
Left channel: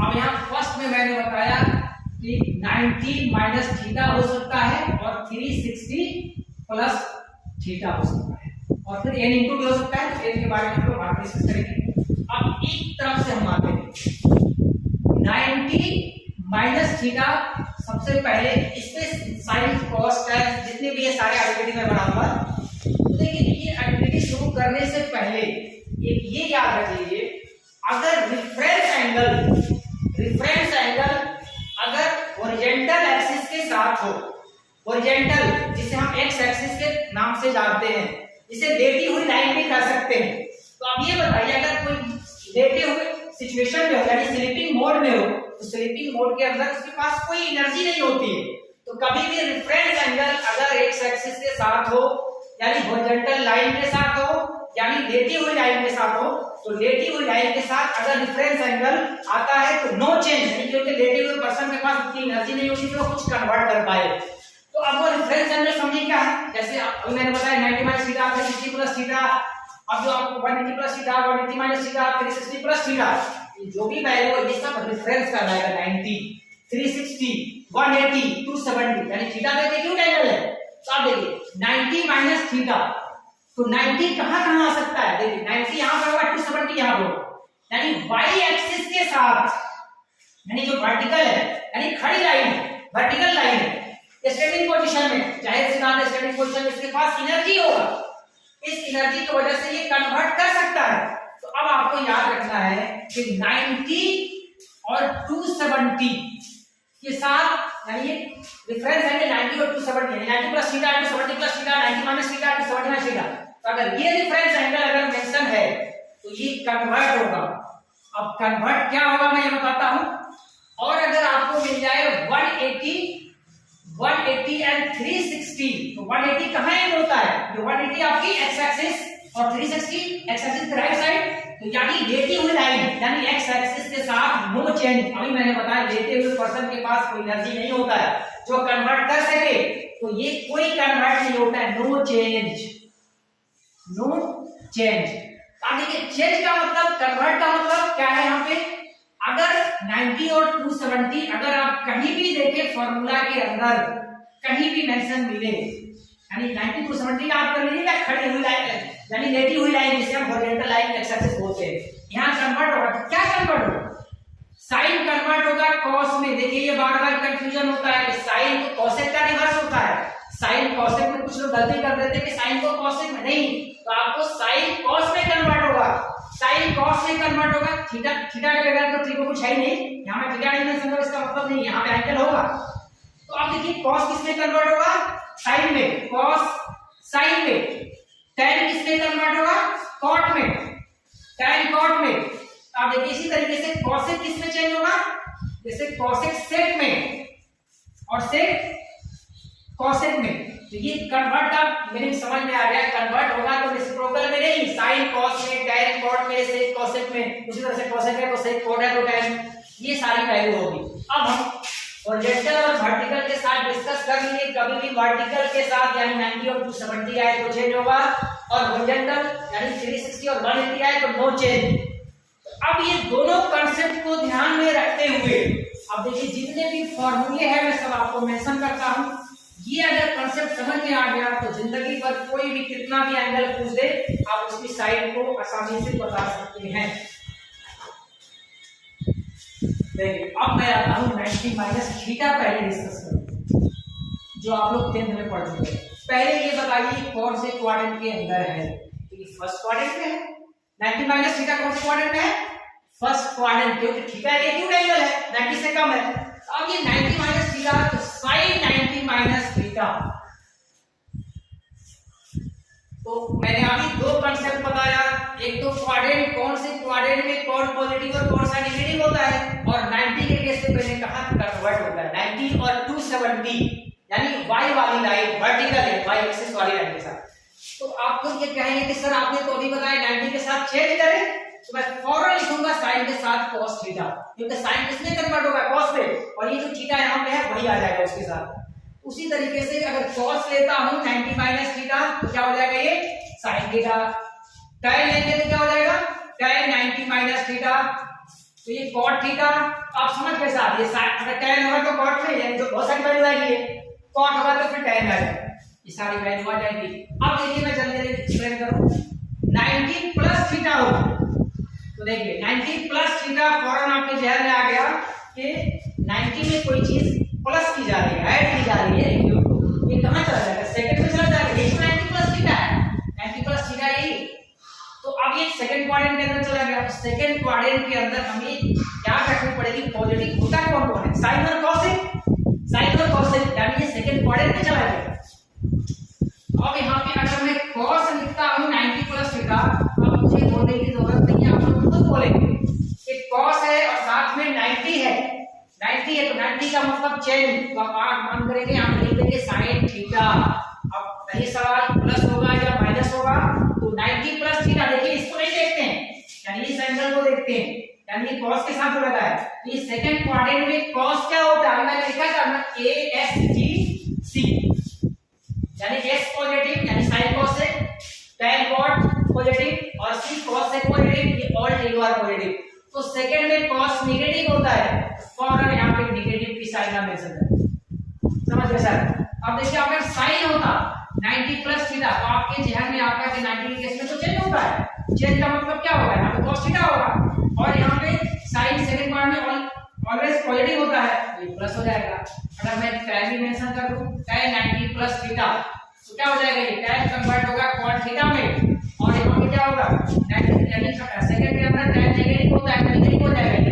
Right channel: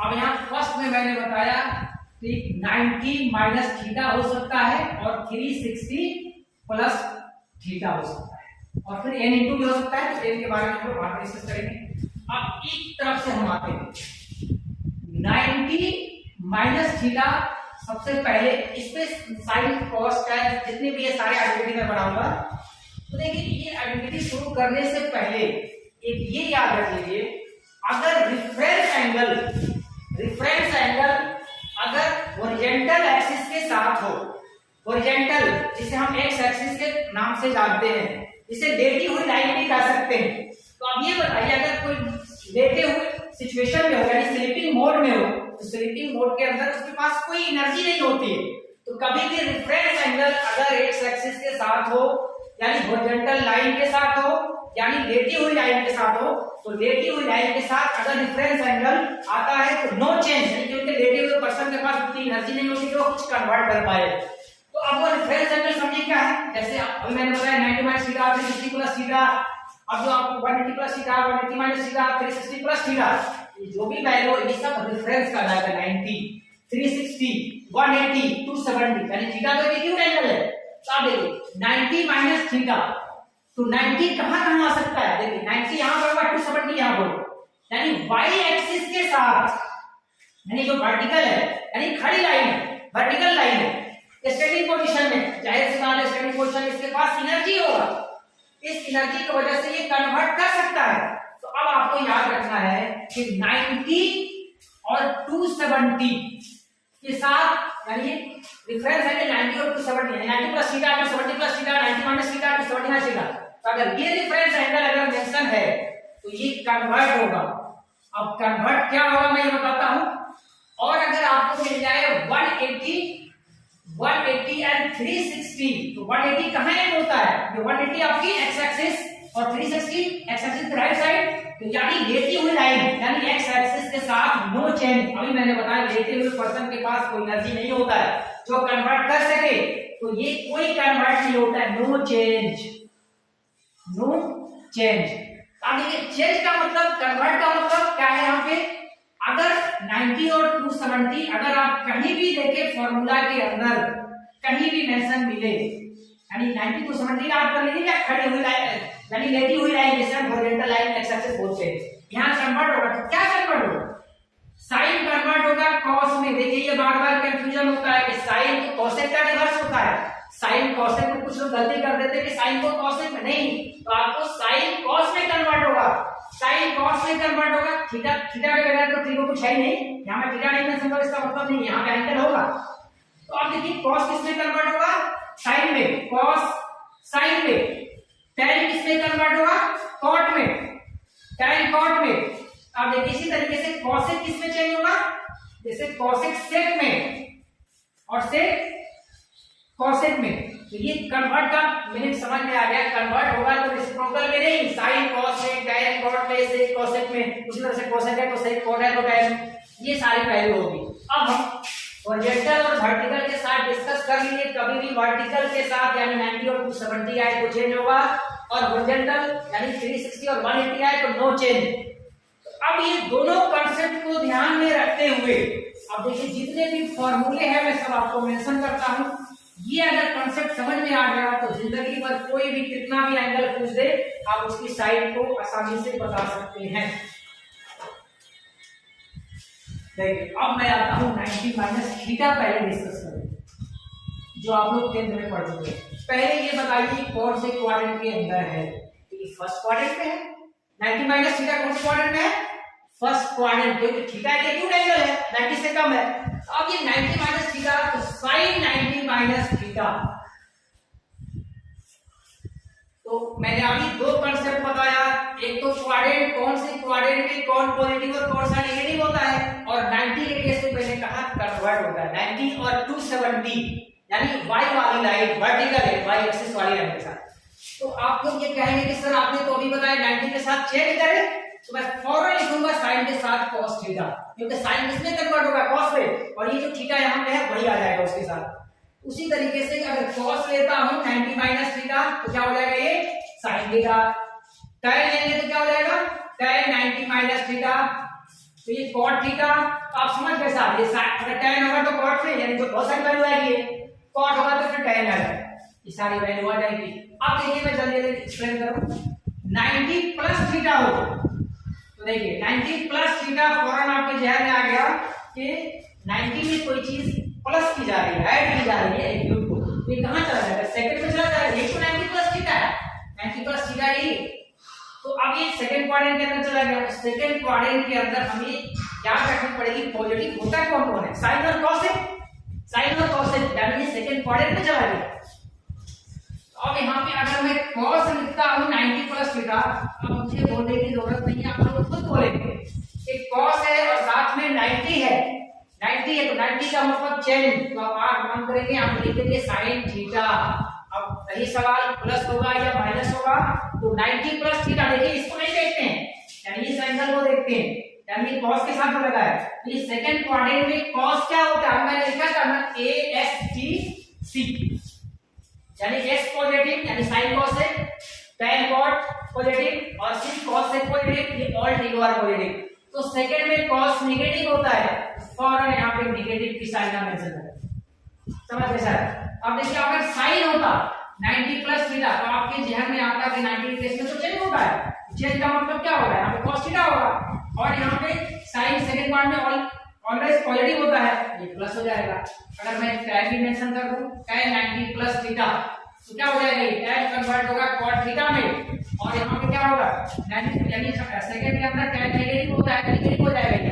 अब यहाँ फर्स्ट में मैंने बताया कि 90 माइनस थीटा हो सकता है और 360 प्लस थीटा हो सकता है, और फिर n इंटू भी हो सकता है, तो n के बारे में हम लोग बाद में डिस्कस करेंगे। अब एक तरफ से हम आते हैं 90 माइनस थीटा, सबसे पहले इसमें साइन कॉस टेन जितने भी ये सारे आइडेंटिटी में बनाऊंगा। तो देखिए ये आइडेंटिटी शुरू करने से पहले एक ये याद रख लीजिए, अगर रिफरेंस एंगल अगर हॉरिजॉन्टल एक्सिस के साथ हो, हॉरिजॉन्टल जिसे हम एक्स एक्सिस के नाम से जानते हैं, इसे लेटी हुई लाइन भी कह सकते हैं। तो अब ये बताइए अगर कोई लेटे हुए सिचुएशन में हो यानी स्लीपिंग मोड में हो, तो स्लीपिंग मोड के अंदर उसके पास कोई एनर्जी नहीं होती है। तो कभी भी रिफरेंस एंगल अगर एक्स एक्सिस के साथ हो यानी हॉरिजॉन्टल लाइन के साथ हो यानी लेटी हुई लाइन के साथ हो, तो लेटी हुई लाइन के साथ अगर रिफरेंस एंगल आता है तो नो चेंज, यानी क्योंकि लेटे हुए पर्सन के पास उतनी एनर्जी नहीं होती कि वो कुछ कन्वर्ट कर पाए। तो अब वो रिफरेंस एंगल समझिए क्या है, जैसे अभी मैंने बताया 90 माइनस थीटा, 360 प्लस थीटा, अब जो आपको 180 plus theta, 180 minus theta, 360 plus theta, ये जो भी वैल्यू ये सब रिफरेंस का आएगा। 90, 360, 180, 270 यानी थीटा तो एक एक्यूट एंगल है। तो आप देखिए 90 माइनस थीटा, तो 90 कहां आ सकता है, देखिए 90 यहां पर होगा, 270 यहां पर, यानी y एक्सिस के साथ, यानी जो वर्टिकल है यानी खड़ी लाइन है, वर्टिकल लाइन है, स्टैटिक पोजीशन में, जाहिर सी बात है स्टैटिक पोजीशन में इसके पास एनर्जी होगा, इस एनर्जी की वजह से ये कन्वर्ट कर सकता है। तो अब आपको याद रखना है कि 90 और 270 के साथ यानी रिफरेंस है कि 90 और 270 यानी 90 plus theta 270 plus theta 90 minus theta 270 minus theta. तो अगर ये रिफरेंस एंगल अगर मेंशन है तो ये कन्वर्ट होगा। अब कन्वर्ट क्या होगा मैं ये बताता हूं। और अगर आपको मिल जाए 180 एंड 360, तो 180 कहां एंड होता है, ये 180 आपकी एक्स एक्सिस और 360 एक्स एक्सिस के राइट साइड, तो यानी लेटी हुई लाइन यानी एक्स एक्सिस के साथ नो चेंज। अभी मैंने बताया लेटे हुए पर्सन के पास कोई एनर्जी नहीं होता है जो कन्वर्ट कर सके, तो ये कोई कन्वर्ट नहीं होता है, नो चेंज, नो चेंज। अब देखिए चेंज का मतलब, कन्वर्ट का मतलब क्या है यहाँ पे, अगर 90 और 270 अगर आप कहीं भी देखें फॉर्मूला के अंदर कहीं भी मेंशन मिले, यानी 90 270 आप कर लीजिए या खड़ी हुई लाइन यानी लेटी हुई लाइन जिसे हम हॉरिजॉन्टल लाइन एक्स एक्सिस बोलते हैं, यहाँ कन्वर्ट होगा तो क्या कन्वर्ट होगा, साइन कन्वर्ट होगा कॉस में। देखिए ये बार बार कंफ्यूजन होता है कि साइन तो कॉसेक का रिवर्स होता है, साइन कॉसेक में कुछ लोग गलती कर देते हैं कि साइन को कॉसेक में, नहीं, तो आपको साइन कॉस में कन्वर्ट होगा, साइन कॉस में कन्वर्ट होगा। थीटा के बगैर तो त्रिकोण कुछ है ही नहीं, यहाँ पे थीटा नहीं मेंशन करो इसका मतलब नहीं यहाँ पे एंगल होगा। तो अब देखिए कॉस किस में कन्वर्ट होगा, साइन में, कॉस साइन में, tan किस में कन्वर्ट होगा, कॉट में, tan कॉट में। अब देखिए इसी तरीके से कॉसेक किस में चेंज होगा, जैसे कॉसेक सेक में और सेक कॉसेक में। तो ये कन्वर्ट का मीनिंग समझ में आ गया, कन्वर्ट होगा तो रेसिप्रोकल में नहीं, साइन कॉस में, tan कॉट में, सेक कॉसेक में, उसी तरह से कॉसेक है तो सेक कॉट है तो tan, ये सारी वैल्यू होगी। अब हम हॉरिजॉन्टल और वर्टिकल के साथ डिस्कस कर लिए, कभी भी वर्टिकल के साथ यानी 90 और 270 आए तो चेंज होगा, और हॉरिजॉन्टल यानी 360 और 180 आए तो नो चेंज। अब ये दोनों कांसेप्ट को ध्यान में रखते हुए अब देखिए जितने भी फॉर्मूले हैं मैं सब आपको मेंशन करता हूं, ये अगर कांसेप्ट समझ में आ गया तो जिंदगी भर कोई भी कितना भी एंगल पूछ दे आप उसकी साइड को आसानी से बता सकते हैं। देखिए अब मैं आता हूं 90 माइनस थीटा, पहले डिस्कस करें जो आप लोग 10th में पढ़ चुके हैं। पहले ये बताइए कौन से क्वाड्रेंट के अंदर है, तो ये फर्स्ट क्वाड्रेंट में है। 90 माइनस थीटा कौन से क्वाड्रेंट में है, फर्स्ट क्वाड्रेंट, क्योंकि थीटा ये एक्यूट एंगल है 90 से कम है। अब ये 90 माइनस थीटा तो sin 90 माइनस थीटा, तो मैंने अभी दो कंसेप्ट बताया, एक तो क्वाड्रेंट, कौन से क्वाड्रेंट में कौन पॉजिटिव और कौन सा नेगेटिव होता है, और 90 के केस में मैंने कहा कन्वर्ट होता है 90 और 270, यानी y वाली लाइन वर्टिकल है, y एक्सिस वाली लाइन के साथ। तो आप लोग ये कहेंगे कि सर आपने तो अभी बताया 90 के साथ चेंज करें, तो मैं फौरन लिखूंगा साइन के साथ cos थीटा, क्योंकि साइन किसमें कन्वर्ट होगा, cos में, और ये जो थीटा यहां पे है वही आ जाएगा उसके साथ। उसी तरीके से अगर cos लेता हूं 90 माइनस थीटा तो क्या हो जाएगा, ये sin थीटा। tan लेंगे तो क्या हो जाएगा, tan 90 माइनस थीटा, तो ये cot थीटा। आप समझ गए साहब, ये अगर tan होगा तो cot में, यानी जो बहुत सारी वैल्यू आएगी, cot होगा तो फिर tan आएगा, ये सारी वैल्यू आ जाएगी। अब देखिए मैं जल्दी जल्दी एक्सप्लेन करूं, 90 प्लस थीटा हो तो देखिए 90 प्लस थीटा, फौरन आपके जहन में आ गया कि 90 में कोई चीज प्लस की जा रही है, ऐड की जा रही है, ये कहां चला जाएगा, सेकंड में चला जाएगा। देखिए 90 प्लस थीटा है, 90 प्लस थीटा ये, तो अब ये सेकंड क्वाड्रेंट के अंदर चला गया। तो सेकंड क्वाड्रेंट के अंदर हमें याद रखनी पड़ेगी पॉजिटिव होता है कौन कौन है, साइन और कॉसेक, साइन और कॉसेक, यानी ये सेकंड क्वाड्रेंट में चला गया। अब यहाँ पे अगर मैं cos लिखता हूँ 90 प्लस थीटा, अब मुझे बोलने की जरूरत नहीं है, आप लोग खुद बोलेंगे कि cos है और साथ में 90 है, 90 है तो 90 का मतलब चेंज, तो आप 8 मान करेंगे, हम लिख देंगे sin थीटा। अब रही सवाल प्लस होगा या माइनस होगा, तो 90 प्लस थीटा, देखिए इसको नहीं देखते हैं, यानी इस एंगल को देखते हैं, यानी cos के साथ जो लगा है। ये सेकंड क्वाड्रेंट में cos क्या होता है, मैंने लिखा था ना ASGC, यानी S पॉजिटिव यानी sin cosec, tan cot positive और C cosec पॉजिटिव, ये ऑल टेगुआर पॉजिटिव। तो सेकंड में cos नेगेटिव होता है, और यहां पे नेगेटिव की साइन का मेंशन है, समझ गए सर। अब देखिए अगर sin होता 90 प्लस थीटा, तो आपके जहन में आता है कि 90 के केस में तो चेंज होता है, चेंज का मतलब क्या होगा, यहां पे cos थीटा होगा, और यहां पे sin सेकंड पार्ट में ऑलवेज पॉजिटिव होता है, ये प्लस हो जाएगा। अगर मैं tan भी मेंशन कर दूं, tan 90 प्लस थीटा, तो क्या हो जाएगा, ये tan कन्वर्ट होगा cot थीटा में, और यहां पे क्या होगा 90, यानी सेकंड के अंदर tan नेगेटिव होता है, नेगेटिव हो जाएगा, ये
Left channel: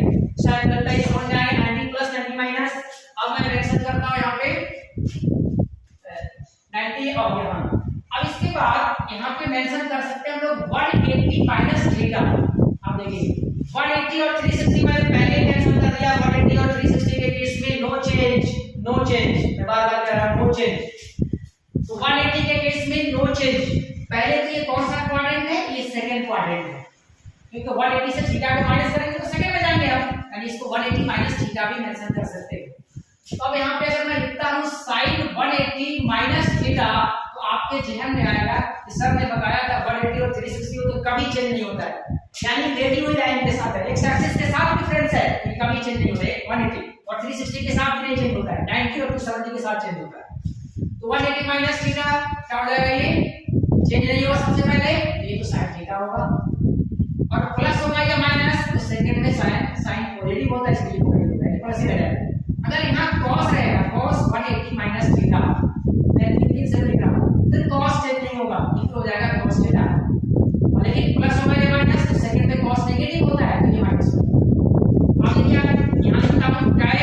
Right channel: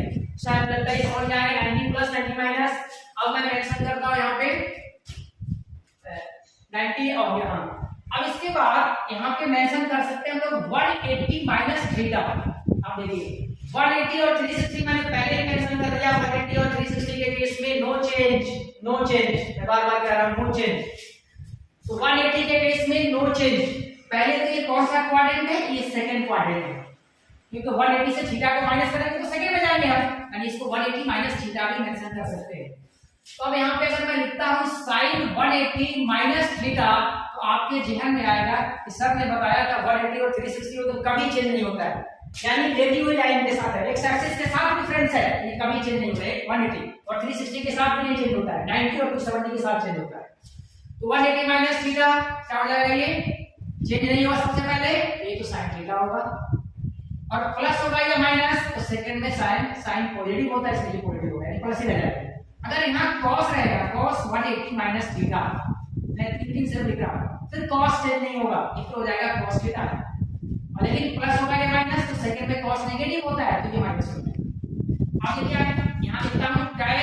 साइन डलता है, ये हो जाएगा 90 प्लस 90 माइनस। अब मैं मेंशन करता हूं यहां पे 90 और यहां, अब इसके बाद यहां पे मेंशन कर सकते हैं हम लोग 180 माइनस थीटा। अब देखिए 180 और 360 मैंने पहले मेंशन कर दिया, 180 और 360 के केस में नो चेंज, नो चेंज, मैं बार बार कह रहा हूं नो चेंज। तो 180 के केस में नो चेंज, पहले तो ये कौन सा क्वाड्रेंट है, ये सेकंड क्वाड्रेंट है, क्योंकि 180 से थीटा को माइनस करेंगे तो सेकंड में जाएंगे हम, यानी इसको 180 माइनस थीटा भी मेंशन कर सकते हैं। तो अब यहाँ पे अगर मैं लिखता हूँ sin 180 माइनस थीटा, तो आपके जहन में आएगा कि सर ने बताया था 180 और 360 हो तो कभी चेंज नहीं होता है, यानी रेडी हुई लाइन के साथ है, एक्स एक्सिस के साथ डिफरेंस है, ये कभी चेंज नहीं होता है, 180 और 360 के साथ भी नहीं चेंज होता है, 90 और 270 के साथ चेंज होता है। तो 180 माइनस थीटा क्या हो जाएगा, ये चेंज नहीं होगा सबसे पहले, ये तो sin थीटा होगा, और प्लस होगा या माइनस, तो सेकंड में sin पॉजिटिव होता है, इसलिए पॉजिटिव होगा, प्लस ही रहेगा। अगर यहाँ cos रहेगा, cos 180 माइनस थीटा, मैं 3 से लिख रहा हूँ, फिर cos चेंज नहीं होगा, ये हो जाएगा cos थीटा, और लेकिन प्लस होगा या माइनस, तो सेकंड में cos नेगेटिव होता है, तो ये माइनस होगा। अब देखिए आप यहाँ लिखता हूँ tan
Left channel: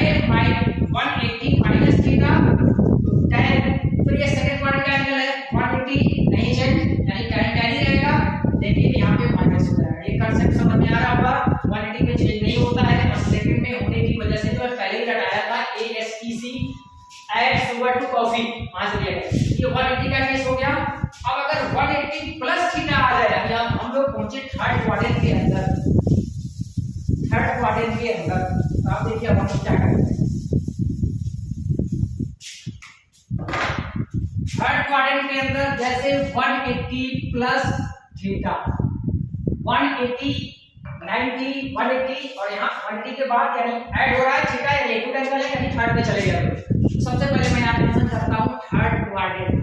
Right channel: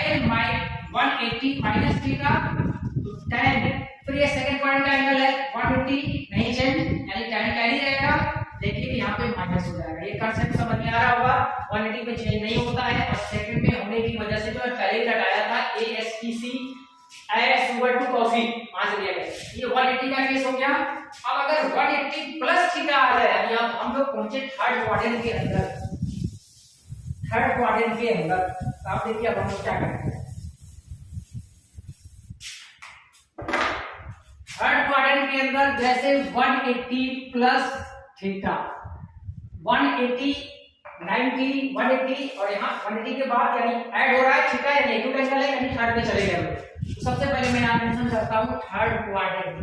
180 माइनस थीटा, तो tan, फिर ये सेकंड क्वाड्रेंट का एंगल है 180, नहीं चेंज, यानी tan tan ही रहेगा, लेकिन यहाँ पे माइनस हो जाएगा। ये कांसेप्ट समझ में आ रहा होगा, 180 में चेंज नहीं होता है, और सेकंड में होने की वजह से जो है पहले ही लगाया था ASTC, add sugar to coffee, वहां से लिया गया, ये 180 का केस हो गया। अब अगर 180 प्लस थीटा आ जाए, यानी अब हम लोग पहुंचे थर्ड क्वाड्रेंट के अंदर, थर्ड क्वाड्रेंट के अंदर, तो आप देखिए अब हम लोग क्या करेंगे, थर्ड क्वाड्रेंट के अंदर जैसे 180 प्लस थीटा, 180 90 180 और यहाँ 180 के बाद यानी ऐड हो रहा है थीटा, यानी एक्यूट एंगल है, यानी थर्ड में चले गए। तो सबसे पहले मैं यहाँ मेंशन करता हूँ थर्ड क्वाड्रेंट।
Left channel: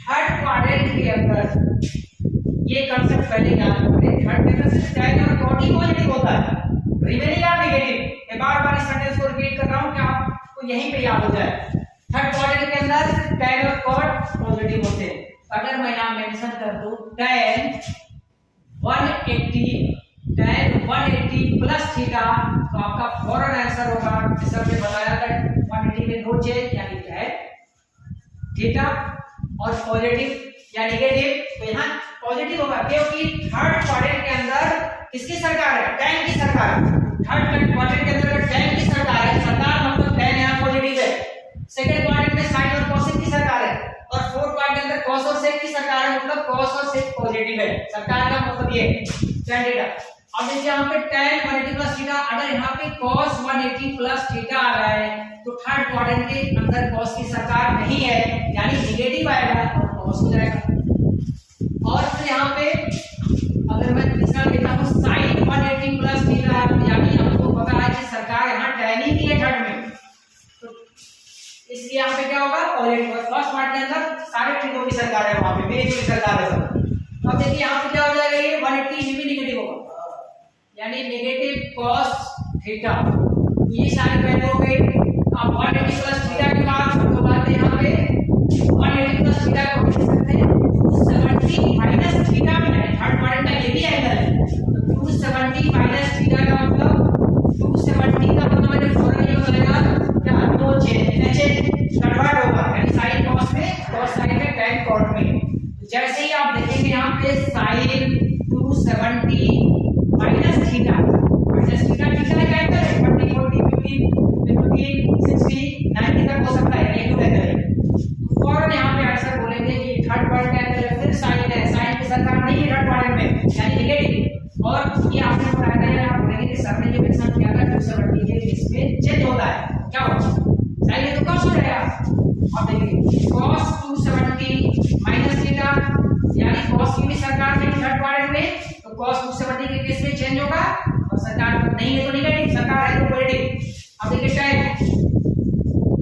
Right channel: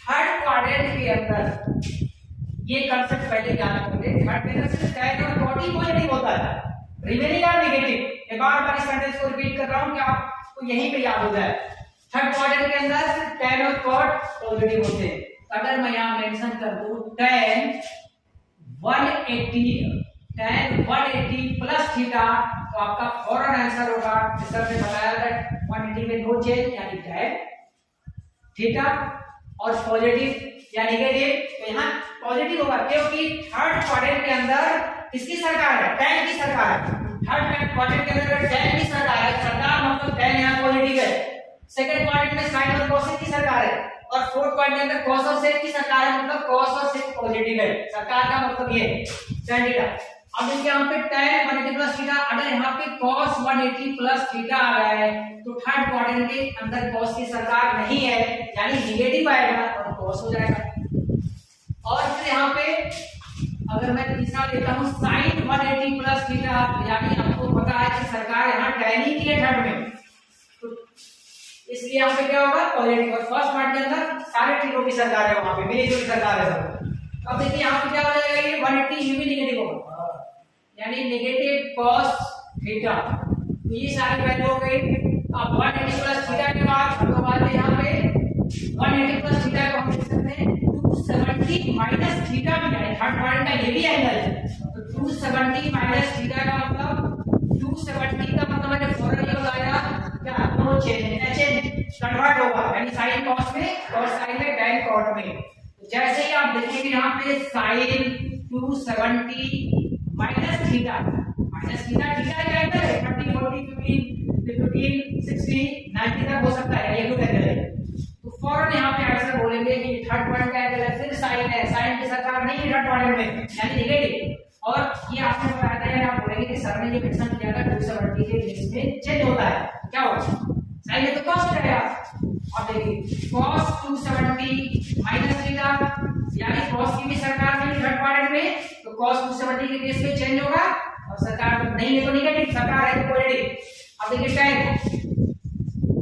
थर्ड क्वाड्रेंट के अंदर ये कांसेप्ट पहले याद रखोगे, थर्ड के अंदर सिर्फ tan और cot ही पॉजिटिव होता है, रिमेनिंग आर नेगेटिव। मैं बार-बार इस सेंटेंस को रिपीट कर रहा हूँ कि आपको यहीं पे याद हो जाए। थर्ड क्वाड्रेंट के अंदर tan और cot पॉजिटिव होते हैं। अगर मैं यहाँ मेंशन कर दूं tan 180 प्लस थीटा, तो आपका फौरन आंसर होगा, सर ने बताया था 180 में नो चेंज यानी tan थीटा, और पॉजिटिव या नेगेटिव, तो यहाँ पॉजिटिव होगा क्योंकि थर्ड क्वाड्रेंट के अंदर किसकी सरकार है, tan की सरकार है। थर्ड क्वाड्रेंट के अंदर tan की सरकार है, सरकार मतलब tan यहाँ पॉजिटिव है। सेकंड क्वाड्रेंट में sin और cos की सरकार है, और फोर्थ क्वाड्रेंट के अंदर cos और sec की सरकार है, मतलब cos और sec पॉजिटिव है। सरकार का मतलब ये tan थीटा। अब देखिए यहाँ पे tan 180 प्लस थीटा, अगर यहाँ पे cos 180 प्लस थीटा आ रहा है तो थर्ड क्वाड्रेंट के अंदर cos की सरकार नहीं है, यानी नेगेटिव आएगा और cos हो जाएगा। और फिर यहाँ पे अगर मैं तीसरा लेता हूँ sin 180 प्लस थीटा, यानी हमको पता है कि सरकार यहाँ tan ही की है थर्ड में, तो इसलिए यहाँ पे क्या होगा, पॉजिटिव। और फर्स्ट पार्ट के अंदर सारे ट्रिको की सरकार है, वहां पे मेरे की सरकार है सब। अब देखिए यहाँ पे क्या हो जाएगा, ये 180 ये भी नेगेटिव होगा, यानी नेगेटिव cos थीटा, ये सारी वैल्यू हो गई। अब 180 प्लस थीटा के बाद तो बात है यहाँ पे 180 प्लस थीटा को हम लिख सकते हैं 270 माइनस थीटा भी है, थर्ड क्वाड्रेंट का ये भी एंगल है, तो 270 माइनस थीटा का मतलब 270 का मतलब मैंने फॉर्मूला ये बताया क्या, नो चेंज कन्वर्ट होगा, यानी sin cos में cos sin में tan cot में। तो जैसे ही आप देखेंगे यहाँ पे sin 270 माइनस थीटा थीटा का एंगल है 40 40 50 60 90 तक हो सकता है, ये टू एंगल है, तो फौरन यहाँ पे आंसर बोलेंगे कि थर्ड क्वाड्रेंट का एंगल है, फिर sin है, sin की सरकार नहीं है थर्ड क्वाड्रेंट में, यानी नेगेटिव। और ये आपने बताया था, आप बोलेंगे कि सर ने जो क्वेश्चन किया था 270 के केस में चेंज होता है, क्या होगा, sin है तो cos हो जाएगा। अब देखिए cos 270 माइनस थीटा, यानी cos की भी सरकार नहीं थर्ड क्वाड्रेंट में, तो cos 270 के केस में चेंज होगा, और सरकार नहीं है तो नेगेटिव, सरकार है तो पॉजिटिव। अब देखिए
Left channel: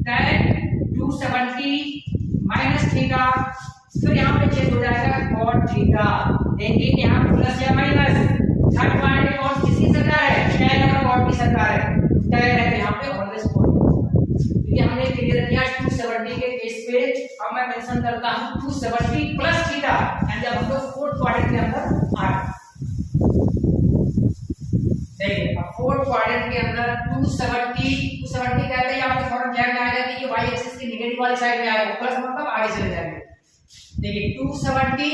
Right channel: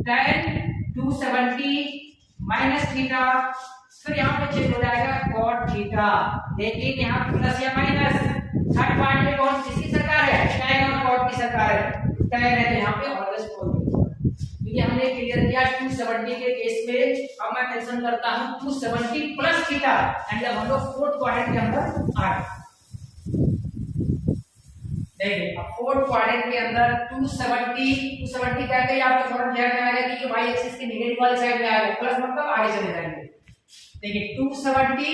tan 270 माइनस थीटा, फिर यहाँ पे चेंज हो जाएगा cot थीटा, देखिए यहाँ प्लस या माइनस, थर्ड क्वाड्रेंट में कौन किसकी सरकार है, tan और cot की सरकार है, tan है तो यहाँ पे ऑलवेज पॉजिटिव। क्योंकि हमने क्लियर किया 270 के केस पे, अब मैं मेंशन करता हूँ 270 प्लस थीटा, यानी जब हम लोग फोर्थ क्वाड्रेंट के अंदर आ गए, देखिए अब फोर्थ क्वाड्रेंट के अंदर 270 कहते हैं, आपके फौरन ध्यान में आएगा कि ये y एक्सिस के नेगेटिव वाली साइड में आएगा, प्लस मतलब आगे चले जाएंगे। देखिए 270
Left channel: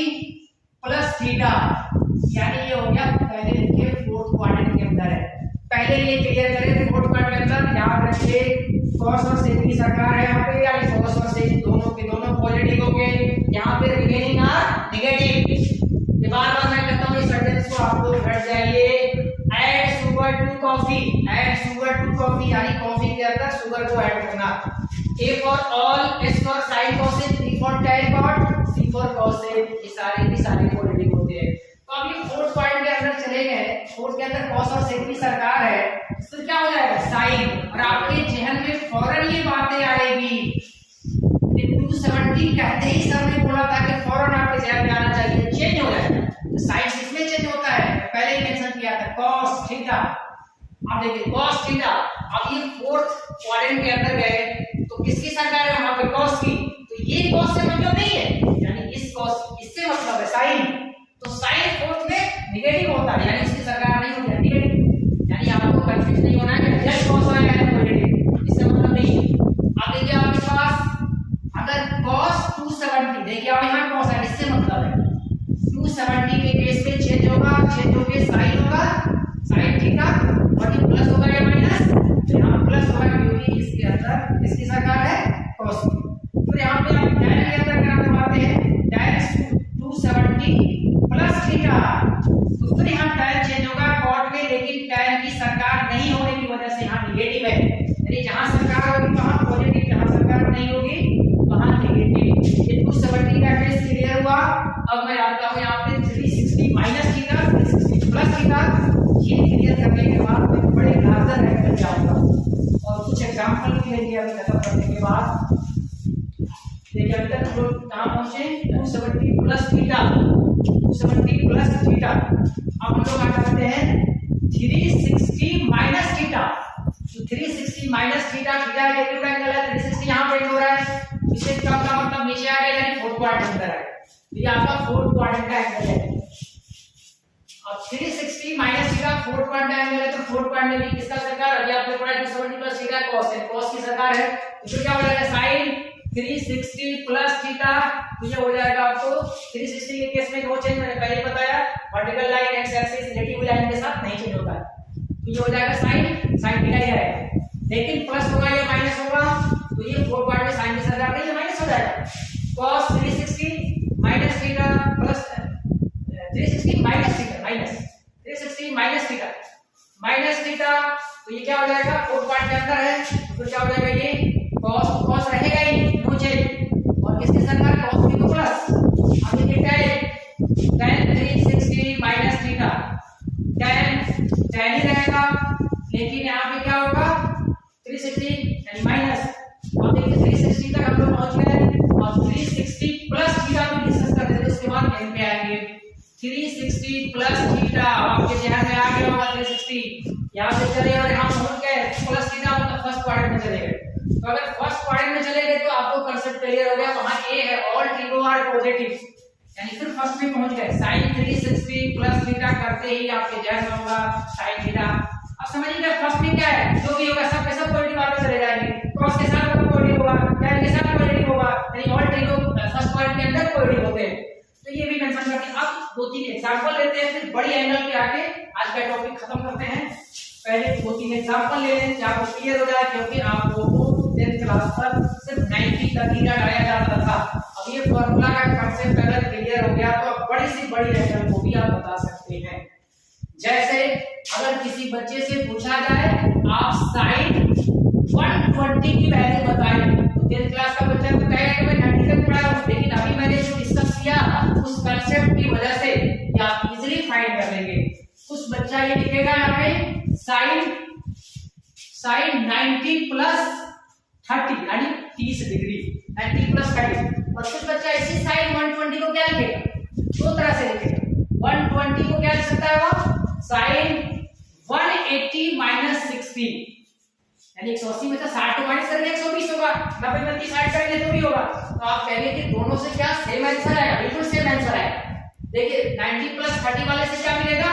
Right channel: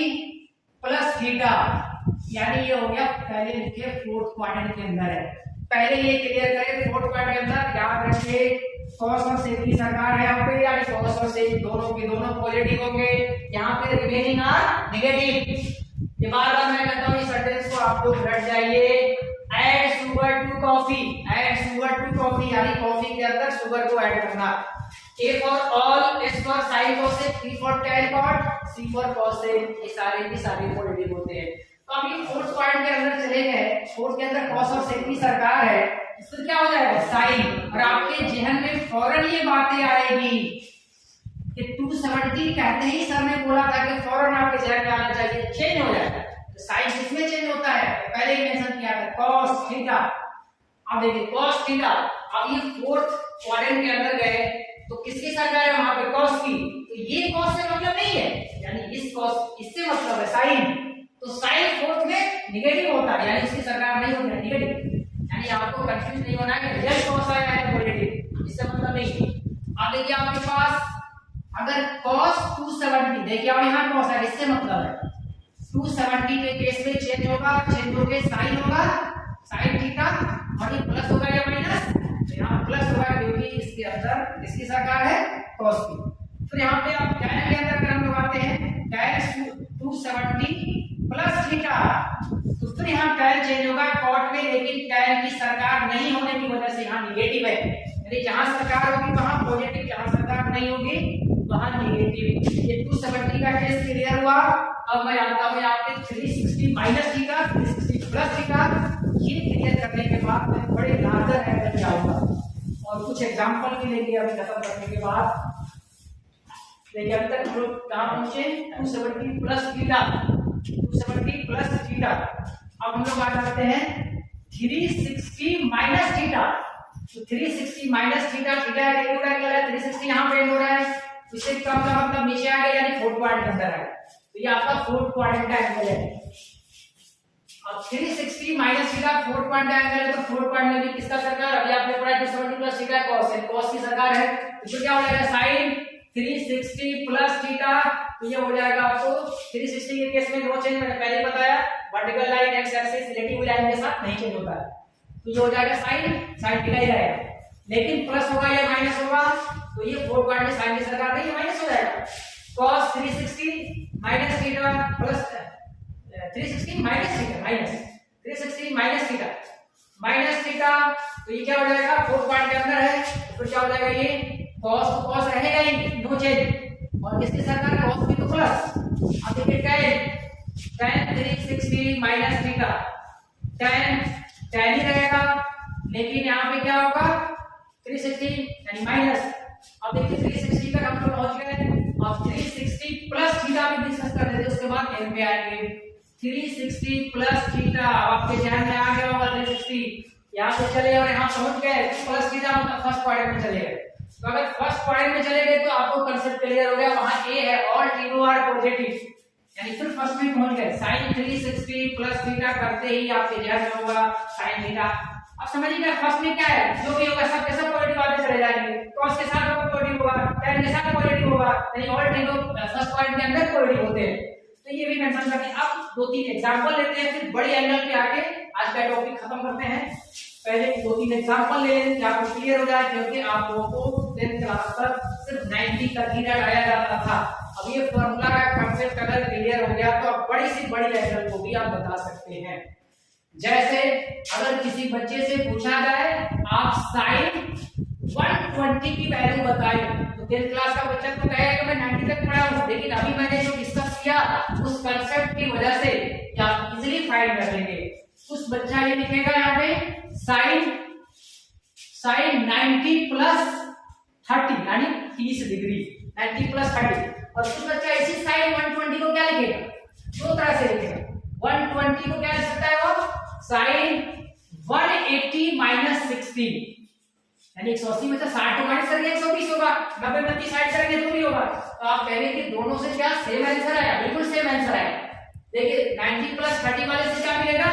प्लस थीटा, यानी ये हो गया, पहले लिखे फोर्थ क्वाड्रेंट के अंदर है, पहले ये क्लियर करें फोर्थ क्वाड्रेंट के अंदर, याद रखिए cos और sec की सरकार है यहाँ पे, यानी cos और sec दोनों के दोनों पॉजिटिव हो गए, यहाँ पे रिमेनिंग आर नेगेटिव। ये बार-बार मैं कहता हूँ इस सेंटेंस को आप लोग रट जाइए, add sugar to coffee, add sugar to coffee, यानी कॉफी के अंदर शुगर को ऐड करना। A for all, S for sin cos, T for tan cot, C for cos sec, ये सारे भी सारे पॉजिटिव होते हैं। तो अब ये फोर्थ क्वाड्रेंट के अंदर चले गए, फोर्थ के अंदर cos और sec की सरकार है, तो क्या हो जाएगा sin, और आपके जहन में फौरन ये बातें आएगी कि 270 कहते ही सर ने बोला था कि फौरन आपके जहन में आना चाहिए, चेंज हो जाएगा। तो sin किसमें चेंज होता है, पहले ही मेंशन किया था cos थीटा। अब देखिए cos थीटा, अब ये फोर्थ क्वाड्रेंट के अंदर गए तो किसकी सरकार है वहां पे, cos की, तो ये cos से मतलब नहीं है, यानी इस cos इससे मतलब है sin, तो sin फोर्थ में नेगेटिव होता है, यानी इसकी सरकार नहीं होती है नेगेटिव, यानी आपको कंफ्यूज नहीं होना है कि जस्ट cos आएगा या पॉजिटिव, इससे मतलब नहीं है। अब देखिए आपके पास अगर cos 270, देखिए अब यहाँ cos है, इससे मतलब है 270 के केस में चेंज होगा, चेंज होके sin होगा, sin थीटा, और ये प्लस होगा या माइनस, तो यहाँ प्लस होगा क्योंकि इसके अंदर इसकी सरकार है cos की। तो यहाँ पे आप tan के अंदर क्या करवाते हैं, tan 270 प्लस थीटा, तो फिर यहाँ tan चेंज होगा cot में, लेकिन tan की सरकार नहीं होने की वजह से यहाँ नेगेटिव है, यानी जहाँ सरकार होगी वहाँ पॉजिटिव, जहाँ सरकार नहीं होगी वहाँ नेगेटिव। ये 270 का केस क्लियर हुआ। अब मैं आता हूँ यहाँ पे 360 माइनस थीटा, 360 प्लस थीटा, ये क्लियर करने के बाद मैं बड़े लार्जर एंगल पे आऊंगा और कुछ एग्जांपल भी लेंगे अभी खत्म करने के बाद। देखिए अभी तक हम लोग कहाँ पहुंचे, 270 प्लस थीटा, 270 प्लस थीटा। अब हम लोग आ जाते हैं 360 माइनस थीटा। तो 360 माइनस थीटा, थीटा का एक्यूट एंगल है, 360 यहाँ पे हो रहा है, इससे कम का मतलब नीचे आ गया, यानी फोर्थ क्वाड्रेंट अंदर है, तो ये आपका फोर्थ क्वाड्रेंट का एंगल है। अब 360 minus theta fourth quadrant angle है, तो फोर्थ क्वाड्रेंट में भी किसका सरकार, अभी आपने पढ़ा 270 प्लस थीटा cos है, cos की सरकार है, तो क्या हो जाएगा sin 360 प्लस थीटा तो ये हो जाएगा आपको 360 के केस में नो चेंज, मैंने पहले बताया vertical line x axis relative line के साथ नहीं चेंज होता है, तो ये हो जाएगा साइन थीटा ही रहेगा। लेकिन प्लस होगा या माइनस होगा, तो ये 4 पार्ट में साइन की सरकार नहीं, माइनस हो जाएगा। cos 360 minus theta plus 360 minus theta minus theta, तो ये क्या हो जाएगा 4 पार्ट के अंदर है, तो फिर क्या हो जाएगा ये cos तो cos रहेगा ही नो चेंज, और किसकी सरकार cos की तो प्लस। अब देखिए tan 360 माइनस थीटा tan ही रहेगा, लेकिन यहाँ पे क्या होगा 360 यानी माइनस। अब देखिए 360 तक हम लोग पहुंच गए, अब 360 प्लस थीटा भी डिस्कस कर देते हैं, उसके बाद एन पे आएंगे 360 प्लस थीटा। आपके ध्यान में आ गया होगा 360 यहाँ से चले और यहाँ पहुंच गए, प्लस थीटा मतलब फर्स्ट क्वाड्रेंट में चले गए। तो अगर फर्स्ट क्वाड्रेंट में चले गए तो आपको कांसेप्ट क्लियर हो गया, वहां ए है ऑल ट्रिगो आर पॉजिटिव, यानी फिर फर्स्ट में पहुंच गए। sin 360 प्लस थीटा करते ही आपके ध्यान में होगा sin थीटा। अब समझिएगा फर्स्ट में क्या है, जो भी होगा सब के सब पॉजिटिव आगे चले जाएंगे, cos के साथ पॉजिटिव होगा, tan के साथ पॉजिटिव होगा, यानी ऑल ट्रिगो फर्स्ट पॉइंट के अंदर पॉजिटिव होते हैं। तो ये भी मेंशन करके अब 2-3 एग्जांपल लेते हैं, फिर बड़ी एंगल पे आके आज का टॉपिक खत्म करते हैं। पहले 2-3 एग्जांपल ले लें ताकि आपको क्लियर हो जाए, क्योंकि आप लोगों को 10th क्लास तक सिर्फ 90 तक ही डाला जाता था। अब ये फार्मूला का कांसेप्ट अगर क्लियर हो गया तो आप बड़ी से बड़ी एंगल को भी आप बता सकते हैं। जैसे अगर किसी बच्चे से पूछा जाए आप sin 120 की वैल्यू बताएं, तो 10th क्लास का बच्चा तो कहेगा कि मैं 90 तक पढ़ा हूं, लेकिन अभी मैंने जो डिस्कस किया उस कांसेप्ट की वजह से आप इजीली फाइंड कर लेंगे। कुछ बच्चा ये लिखेगा यहाँ पे sin 90 प्लस 30 यानी 30 डिग्री 90 प्लस 30, और कुछ बच्चा इसी sin 120 को क्या लिखेगा, दो तरह से लिखेगा। 120 को क्या लिख सकता है वो sin 180 माइनस 60, यानी 180 में से 60 को माइनस करेंगे 120 होगा, 90 में 30 ऐड करेंगे तो भी होगा। तो आप कहेंगे कि दोनों से क्या सेम आंसर आया, बिल्कुल सेम आंसर आया। देखिए 90 प्लस 30 वाले से क्या मिलेगा,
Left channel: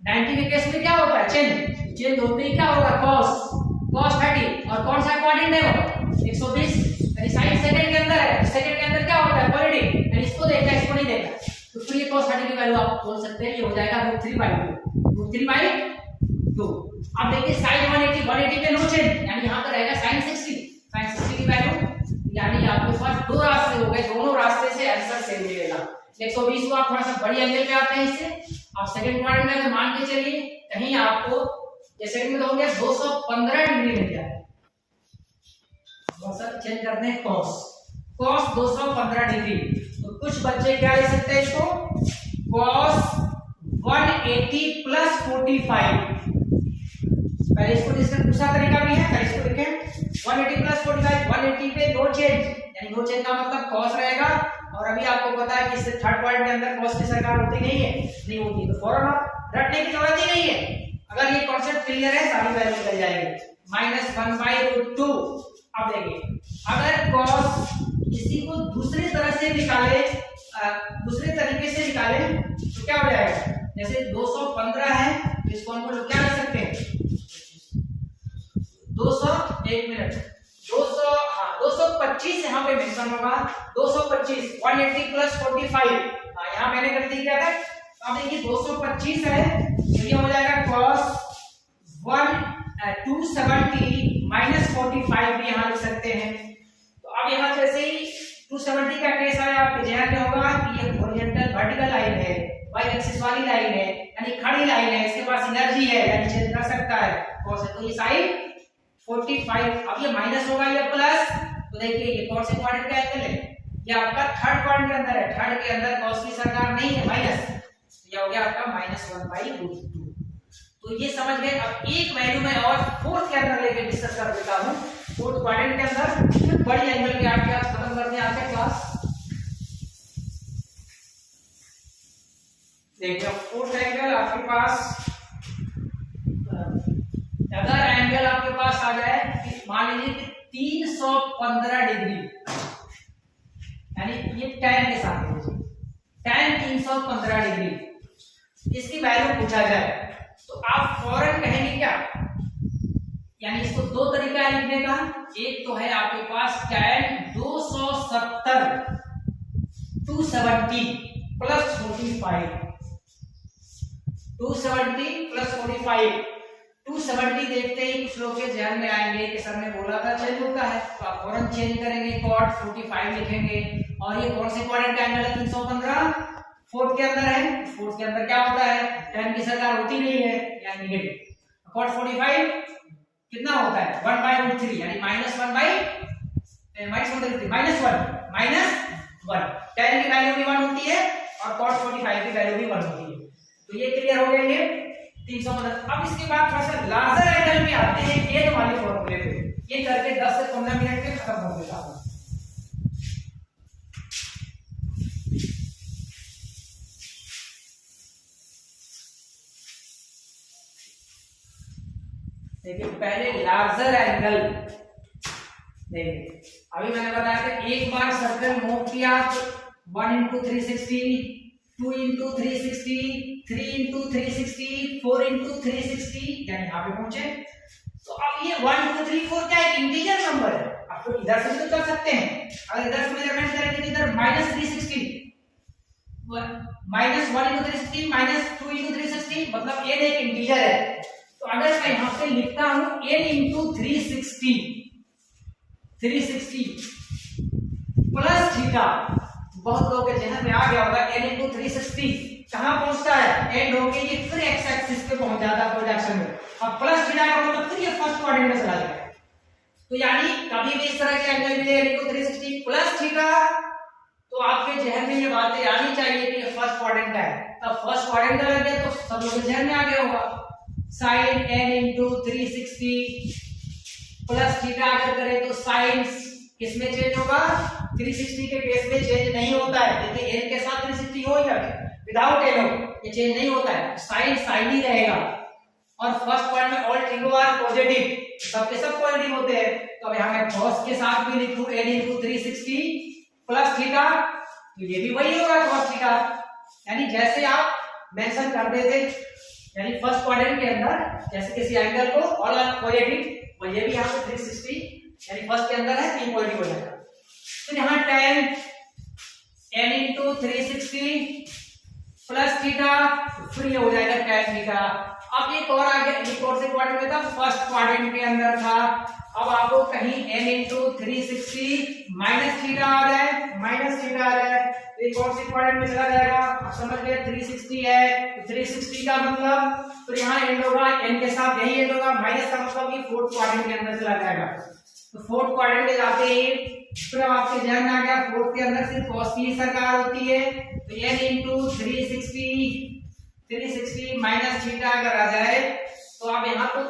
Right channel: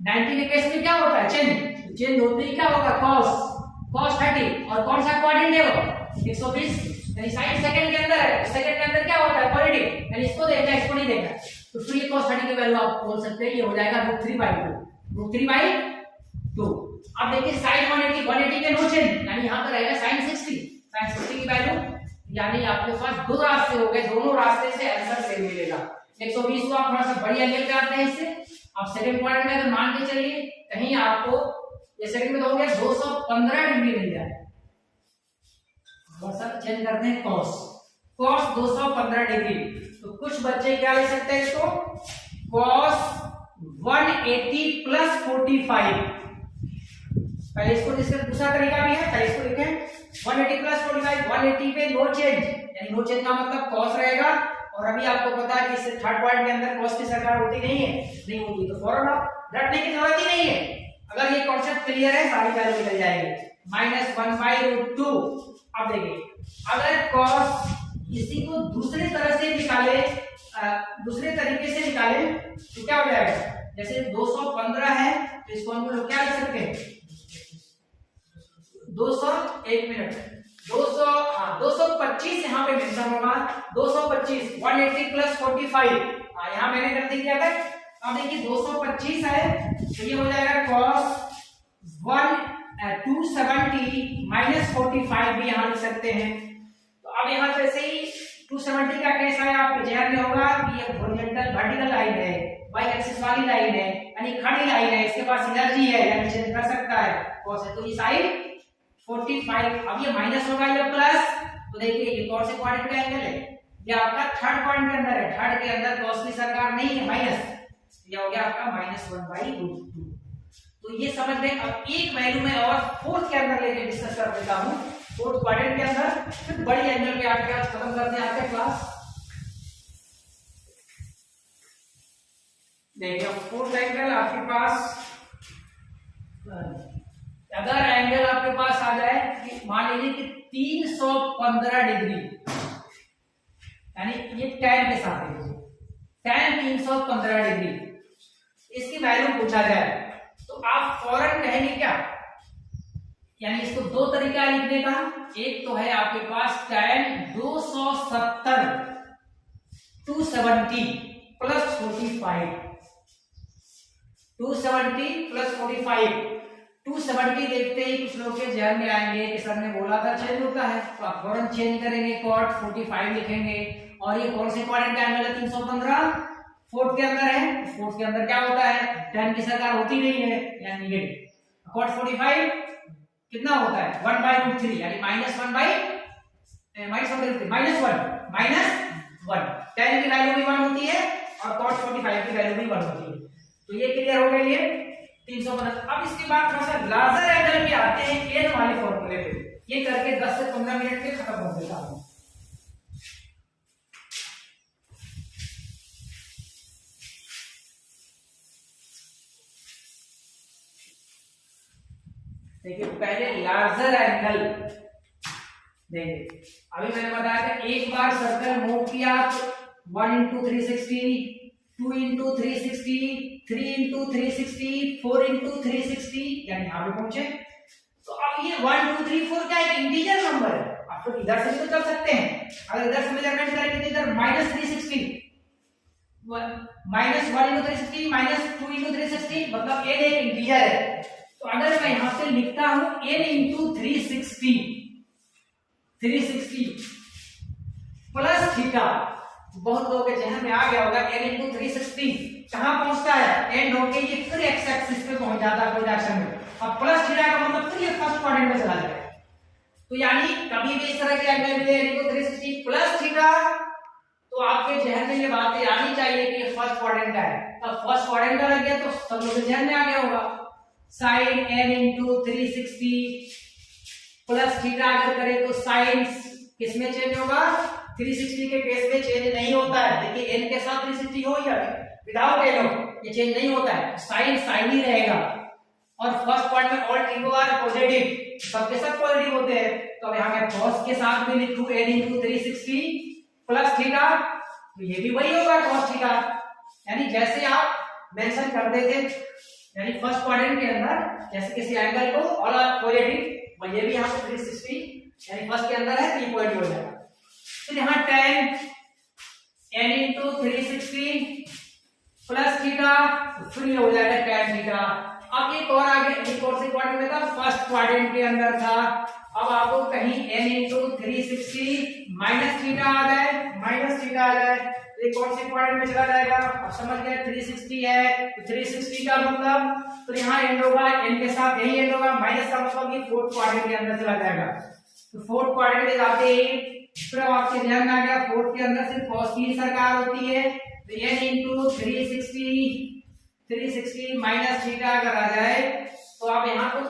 90 के केस में क्या होता है चेंज होते ही क्या होगा cos 30, और कौन सा क्वाड्रेंट है वो 120, यानी sin सेकंड के अंदर है, सेकंड के अंदर क्या होता है पॉजिटिव, यानी इसको देखना इसको नहीं देखना, तो फिर ये cos 30 की वैल्यू आप बोल सकते हैं ये हो जाएगा √3/2। अब देखिए sin 180 पे नो चेंज, यानी यहां पर रहेगा sin 60 की वैल्यू, यानी आपके पास दो रास्ते हो गए, दोनों रास्ते से आंसर सेम मिलेगा। 120 को आप थोड़ा सा बड़ी एंगल पे आते हैं इससे, आप सेकंड क्वाड्रेंट में अगर मान के चलिए कहीं आपको ये सेकंड में तो हो गया 215 डिग्री मिल जाए, बस अब चेंज करते हैं cos 215 डिग्री। तो कुछ बच्चे क्या लिख सकते हैं इसको cos 180 प्लस 45, पहले इसको डिस्कस दूसरा तरीका भी है, पहले इसको लिखें 180 प्लस 45, 180 पे नो चेंज, यानी नो चेंज का मतलब cos रहेगा, और अभी आपको पता है कि इससे थर्ड पॉइंट के अंदर cos की सरकार होती नहीं होती, तो फौरन आप रटने की जरूरत ही नहीं है। अगर ये कॉन्सेप्ट क्लियर है सारी वैल्यू निकल जाएगी -1/√2। अब देखिए अगर cos किसी को दूसरे तरह से निकाले, दूसरे तरीके से निकाले तो क्या हो जाएगा, जैसे 215 है तो इसको हम लोग क्या लिख सकते हैं 225 यहाँ पे मेंशन होगा 225, 180 प्लस 45, यहाँ मैंने गलती किया था। अब देखिए 225 है तो ये हो जाएगा cos 270 माइनस 45 भी यहाँ लिख सकते हैं। तो अब यहाँ जैसे ही 270 का केस आया आपके ध्यान में होगा कि ये हॉरिजॉन्टल वर्टिकल लाइन है, वाई एक्सिस वाली लाइन है, यानी खड़ी लाइन है, इसके पास एनर्जी है यानी चेंज कर सकता है cos, तो ये साइड 45। अब ये माइनस होगा या प्लस, तो देखिए ये कौन से क्वाड्रेंट का एंगल है, ये आपका थर्ड क्वाड्रेंट के अंदर है, थर्ड के अंदर cos की सरकार नहीं है माइनस, ये हो गया आपका -1/√2। तो ये समझ गए। अब एक वैल्यू में और फोर्थ के अंदर लेके डिस्कस कर देता हूं, फोर्थ क्वाड्रेंट के अंदर, फिर बड़ी एंगल पे आके आज खत्म करते हैं आज का क्लास। देखिए फोर्थ एंगल आपके पास, अगर एंगल आपके पास आ जाए कि मान लीजिए कि 315 डिग्री, यानी ये tan के साथ है, tan 315 डिग्री, इसकी वैल्यू पूछा जाए तो आप फौरन कहेंगे क्या, यानी इसको दो तरीका लिखने का, एक तो है आपके पास tan 270 270 प्लस 45, 270 प्लस 45, 270 देखते ही कुछ लोग के ध्यान में आएंगे कि सर ने बोला था चेंज होता है, तो आप फौरन चेंज करेंगे, कॉट 45 लिखेंगे। और ये कौन से क्वाड्रेंट एंगल है? 315 फोर्थ के अंदर है, फोर्थ के अंदर क्या होता है? tan की सरकार होती नहीं है, यानी नेगेटिव। कॉट 45 कितना होता है? 1/√3 यानी -1 tan की वैल्यू भी 1 होती है और cot 45 की वैल्यू भी 1 होती है। तो ये क्लियर हो गई है 315। अब इसके बाद थोड़ा सा लार्जर एंगल पे आते हैं एन वाले फॉर्मूले पे। ये करके 10 से 15 मिनट में खत्म हो देता हूं। देखिए पहले लार्जर एंगल देखिए, अभी मैंने बताया था एक बार सर्कल मूव किया 1 × 360, 2 × 360, 3 × 360, 4 × 360 यानी यहां पे पहुंचे। तो अब ये 1 2 3 4 क्या एक इंटीजर नंबर है, आप तो इधर से भी तो चल सकते हैं। अगर इधर से मेजरमेंट करेंगे तो इधर -360 -1 × 360 -2 × 360 मतलब n एक इंटीजर है। तो अगर मैं यहां से लिखता हूं n × 360 प्लस थीटा, बहुत लोगों के जहन में आ गया होगा n × 360 कहां पहुंचता है? एंड होके ये फिर एक्स एक्सिस पे पहुंच जाता है प्रोजेक्शन में। अब प्लस थीटा का मतलब फिर ये फर्स्ट क्वाड्रेंट में चला जाएगा। तो यानी कभी भी इस तरह के एंगल मिले n × 360 प्लस थीटा, तो आपके जहन में ये बातें आनी चाहिए कि ये फर्स्ट क्वाड्रेंट है। तब फर्स्ट क्वाड्रेंट लग गया तो सब लोगों के जहन में आ गया होगा sin n × 360 प्लस थीटा अगर करें तो साइन किस में चेंज होगा? 360 के केस में चेंज नहीं होता है। देखिए n के साथ 360 हो या विदाउट n हो, ये चेंज नहीं होता है, साइन साइन ही रहेगा। और फर्स्ट पॉइंट में ऑल ट्रिगो आर पॉजिटिव, सबके सब पॉजिटिव होते हैं। तो अब यहां मैं cos के साथ भी लिखूं n × 360 प्लस थीटा, तो ये भी वही होगा cos थीटा। यानी जैसे आप मेंशन करते थे, यानी फर्स्ट क्वाड्रेंट के अंदर जैसे किसी एंगल को ऑल आर पॉजिटिव, और ये भी यहां पे 360 यानी फर्स्ट के अंदर है तो पॉजिटिव हो जाएगा। तो यहां tan n × 360 प्लस थीटा, फिर ये हो जाएगा tan थीटा। अब एक और आगे एक और से क्वाड्रेंट में था, फर्स्ट क्वाड्रेंट के अंदर था। अब आपको कहीं n × 360 माइनस थीटा आ जाए तो एक और से क्वाड्रेंट में चला जाएगा। अब समझ गए 360 है तो 360 का मतलब तो यहाँ एंड होगा, n के साथ यही एंड होगा, माइनस का मतलब ये फोर्थ क्वाड्रेंट के अंदर चला जाएगा। तो फोर्थ क्वाड्रेंट में जाते ही फिर आपके ध्यान में आ गया फोर्थ के अंदर सिर्फ cos की सरकार होती है। तो n × 360 माइनस थीटा अगर आ जाए तो आप यहाँ तो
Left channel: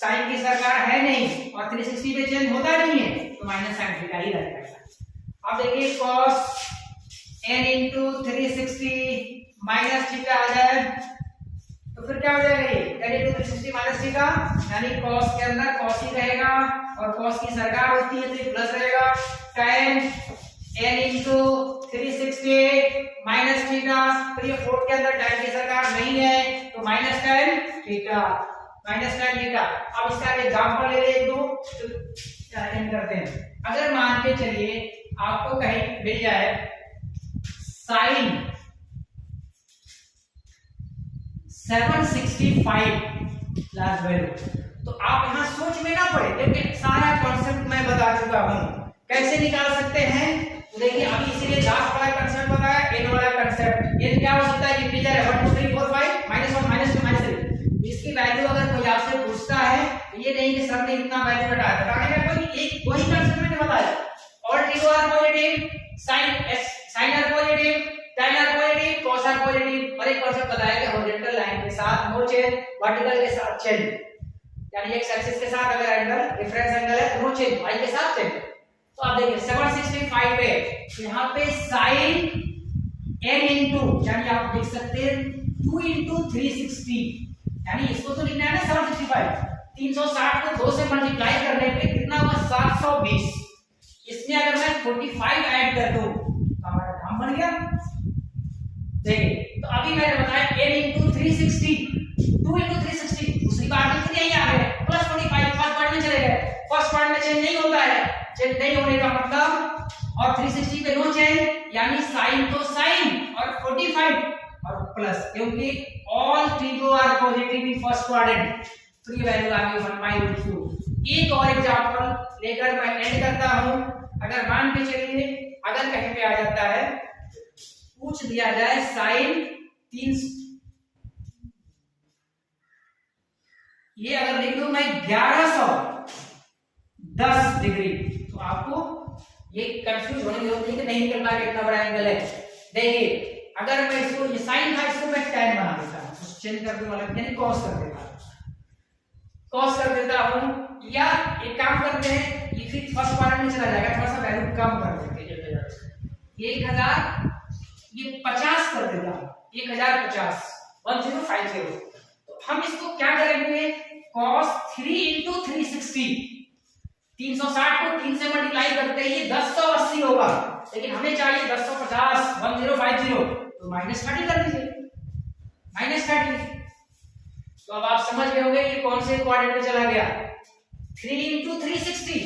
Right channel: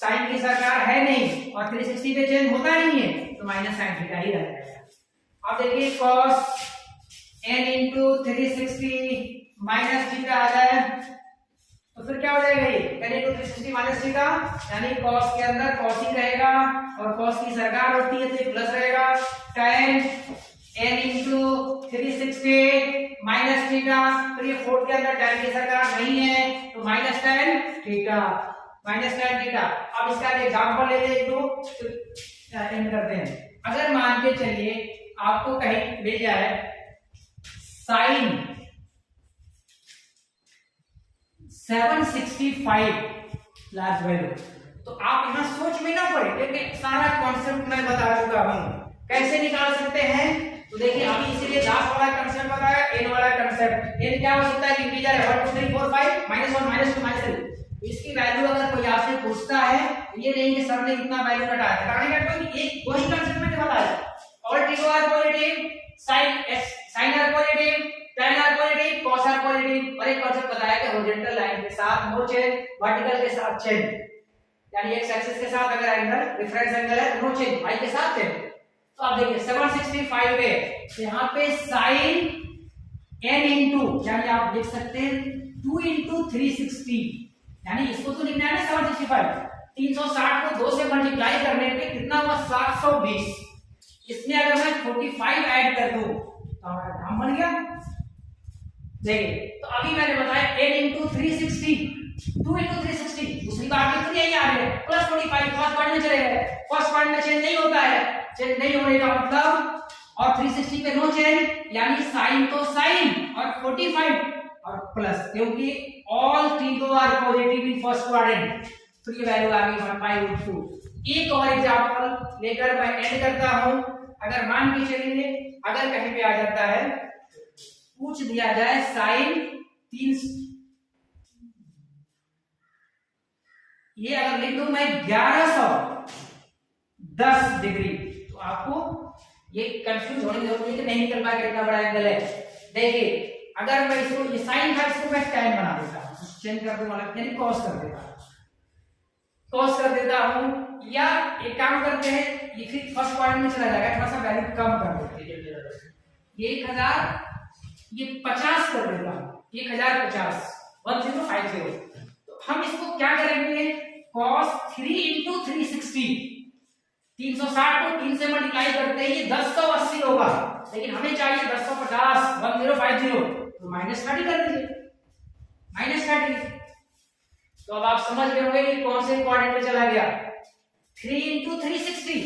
साइन की सरकार है नहीं और 360 पे चेंज होता नहीं है, तो माइनस साइन थीटा ही रह जाएगा। अब देखिए cos n × 360 माइनस थीटा आ जाए तो फिर क्या हो जाएगा? ये n × 360 माइनस थीटा यानी cos के अंदर cos ही रहेगा और cos की सरकार होती है तो ये प्लस रहेगा। tan n × 360 माइनस थीटा, फिर ये फोर्थ के अंदर tan की सरकार नहीं है तो माइनस tan थीटा। अब इसका एग्जांपल ले ले एक दो तो एंड करते हैं। अगर मान के चलिए आपको कहीं मिल जाए साइन 765 लार्ज वैल्यू, तो आप यहां सोच में ना पड़े, लेकिन सारा कॉन्सेप्ट मैं बता चुका हूं कैसे निकाल सकते हैं। तो देखिए अभी इसीलिए लास्ट वाला कंसेप्ट बताया, n वाला कंसेप्ट। n क्या हो सकता है? इंटीजर है 1 2 3 4 5 -1 -2 -3। इसकी वैल्यू अगर कोई आपसे पूछता है ये नहीं कि सर ने इतना वैल्यू घटाया, बताने का कोई एक वही कंसेप्ट मैंने बताया। All trigo are positive, sine are positive, tan are positive, cos are positive. और एक कंसेप्ट बताया कि हॉरिजॉन्टल लाइन के साथ नो चेंज, वर्टिकल के साथ चेंज, यानी एक्स एक्सिस के साथ अगर एंगल रेफरेंस एंगल है नो चेंज, y के साथ चेंज। तो आप देखिए 765 है, यहाँ पे sin n × यानी आप देख सकते हैं 2 × 360, यानी इसको तो लिखना है ना 765, 360 को 2 से मल्टीप्लाई करने पे कितना हुआ? 720। इसमें अगर मैं 45 ऐड कर दूं तो हमारा काम बन गया। देखिए तो अभी मैंने बताया n × 360, 2 × 360, दूसरी बात में फिर यही आ गए प्लस 45 फर्स्ट पार्ट में चले गए। फर्स्ट पार्ट में चेंज नहीं होता है, चेंज नहीं होने का मतलब और 360 पे नो चेंज, यानी साइन तो साइन और 45 और प्लस, क्योंकि all trigo are positive in first quadrant, तो ये वैल्यू आ गई 1/√2। एक और एग्जांपल लेकर मैं एंड करता हूं। अगर मान के चलिए अगर कहीं पे आ जाता है, पूछ दिया जाए साइन 3, ये अगर लिख दूं मैं 1110 डिग्री, तो आपको ये कंफ्यूज होने की जरूरत नहीं कि नहीं निकल पाएगा इतना बड़ा एंगल है। देखिए अगर मैं इसको, ये साइन था, इसको मैं tan बना देता हूं, चेंज कर दूंगा, यानी cos कर देता हूं, cos कर देता हूं, या एक काम करते हैं, ये फिर फर्स्ट क्वाड्रेंट में चला जाएगा, थोड़ा सा वैल्यू कम कर देते हैं, 1000 ये 50 कर देता हूं, 1050 1050। तो हम इसको क्या करेंगे, cos 3 × 360, 360 को 3 से मल्टीप्लाई करते ही 1080 होगा, लेकिन हमें चाहिए 1050 1050, तो -30 कर दीजिए, -30। तो अब आप समझ गए होंगे कि कौन से क्वाड्रेंट में चला गया, 3 × 360,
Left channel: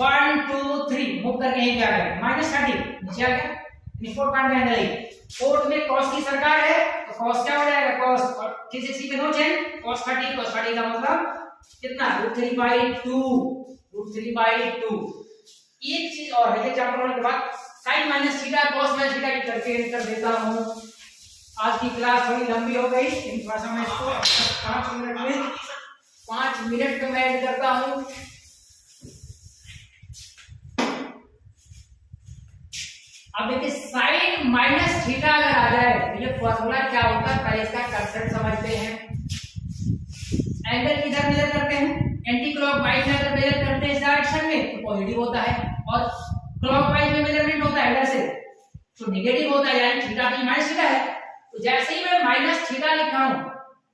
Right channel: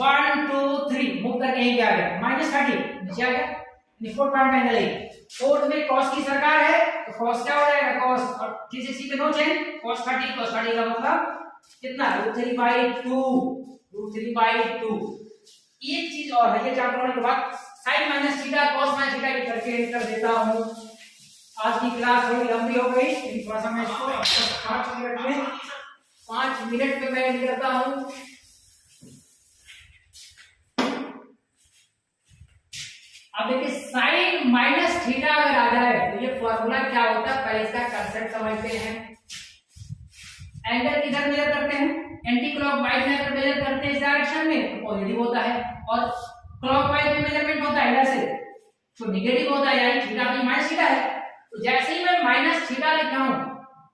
1 2 3 मूव करके यहीं पे आ गया, -30 नीचे आ गया, फोर्थ पॉइंट का एंगल है, फोर्थ में cos की सरकार है, तो cos क्या हो जाएगा, cos और 360 पे नो चेंज, cos 30 का मतलब कितना, √3/2। एक चीज और है, एग्जांपल होने के बाद sin -θ cos -θ की करके कर देता हूं। आज की क्लास थोड़ी लंबी हो गई, लेकिन थोड़ा सा मैं इसको 5 मिनट में मैं एंड करता हूं। अब देखिए sin -θ अगर आ जाए तो ये फॉर्मूला क्या होता है, पहले इसका कंसेप्ट समझते हैं। एंगल किधर मेजर करते हैं, एंटी क्लॉकवाइज में अगर मेजर करते हैं इस डायरेक्शन में तो पॉजिटिव होता है, और क्लॉकवाइज में मेजरमेंट होता है इधर से तो नेगेटिव होता है, यानी थीटा की -θ है। तो जैसे ही मैं -θ लिखा हूं,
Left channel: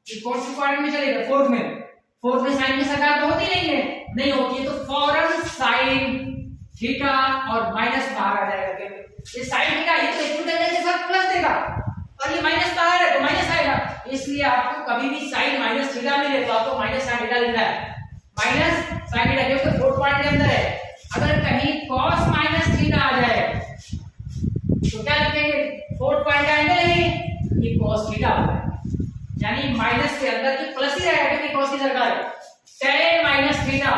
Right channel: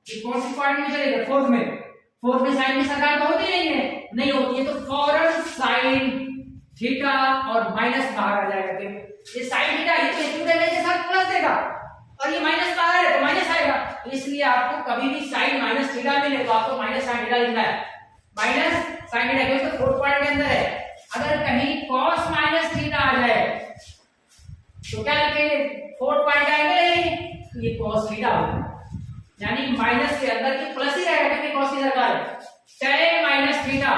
ये कौन सी क्वाड्रेंट में चलेगा, फोर्थ में साइन की सरकार तो होती नहीं होती है, तो फौरन साइन थीटा और माइनस बाहर आ जाएगा। ये साइन थीटा ये तो एक्यूट एंगल के साथ प्लस देगा, और ये माइनस बाहर है तो माइनस आएगा, इसलिए आपको कभी भी साइन -θ मिले तो आपको -sin θ लिखना है, -sin θ, क्योंकि फोर्थ पॉइंट के अंदर है। अगर कहीं cos -θ आ जाए तो क्या लिखेंगे, फोर्थ पॉइंट का एंगल है ये cos θ होगा, यानी माइनस के अंदर की प्लस ही रहेगा क्योंकि cos की सरकार है। tan -θ क्या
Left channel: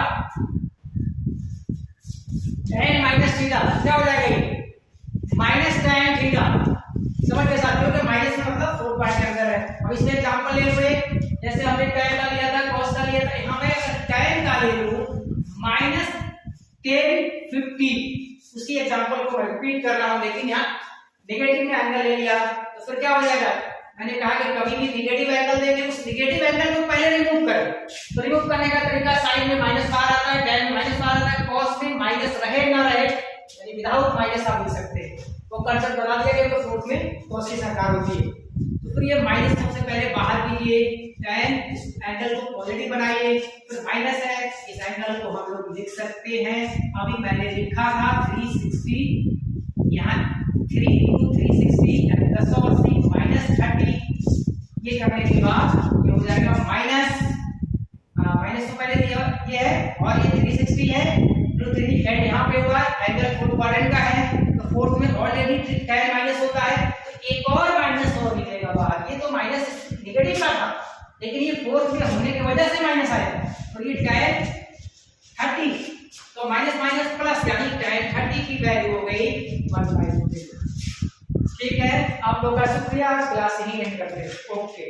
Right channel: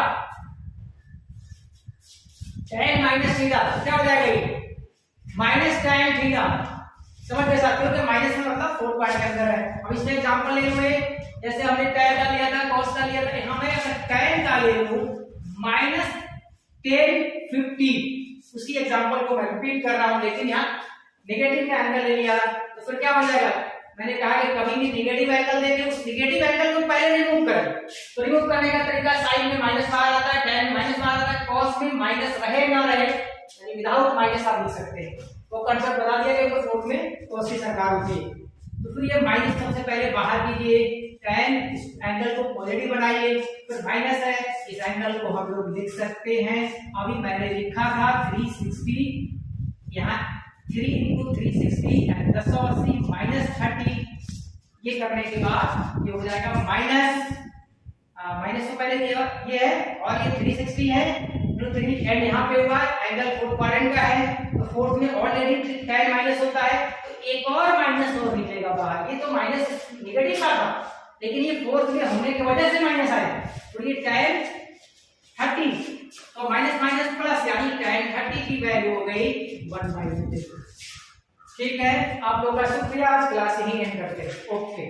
हो जाएगा, ये -tan θ, समझ गए साथियों, कि माइनस में मतलब फोर्थ पॉइंट के अंदर है। अब इसमें एग्जांपल ले हुए, जैसे हमने tan का लिया था, cos का लिया था, यहां मैं अगर tan का ले लूं -1050, उसकी एग्जांपल को मैं रिपीट कर रहा हूं, लेकिन यहां नेगेटिव में एंगल ले लिया तो फिर क्या हो जाएगा, मैंने कहा कि कभी भी नेगेटिव एंगल देंगे, उस नेगेटिव एंगल को पहले रिमूव करें। तो रिमूव करने का तरीका, साइन में माइनस बाहर आता है, tan में माइनस बाहर आता है, cos में माइनस रहे ना रहे, यानी विदाउट माइनस आप लिख सकते हैं। तो कंसेप्ट बता दिया गया, तो फोर्थ में cos की सरकार होती है। तो फिर ये माइनस सबसे पहले बाहर कीजिए, tan इस एंगल को पॉजिटिव बनाइए, फिर माइनस है, इस एंगल को हम लोग लिख सकते हैं, अभी मैंने लिखा था 360, यहाँ 3 × 360 यानी 1080 -30, ये करने के बाद ये हो जाएगा माइनस तो पहले ये है और ये 360 है, जो 3 एंड यहाँ पे हुआ, एंगल फोर्थ क्वाड्रेंट का है, तो फोर्थ में ऑलरेडी tan माइनस होता है, तो एक और माइनस और निकलेगा बाहर। ये तो माइनस नेगेटिव का था, लेकिन ये फोर्थ में होने की वजह से माइनस आया, तो ये tan 30, तो माइनस प्लस, यानी tan 30 की वैल्यू हो गई 1/2। ठीक है, आप लोगों का शुक्रिया, आज क्लास यही एंड करते हैं। ओके।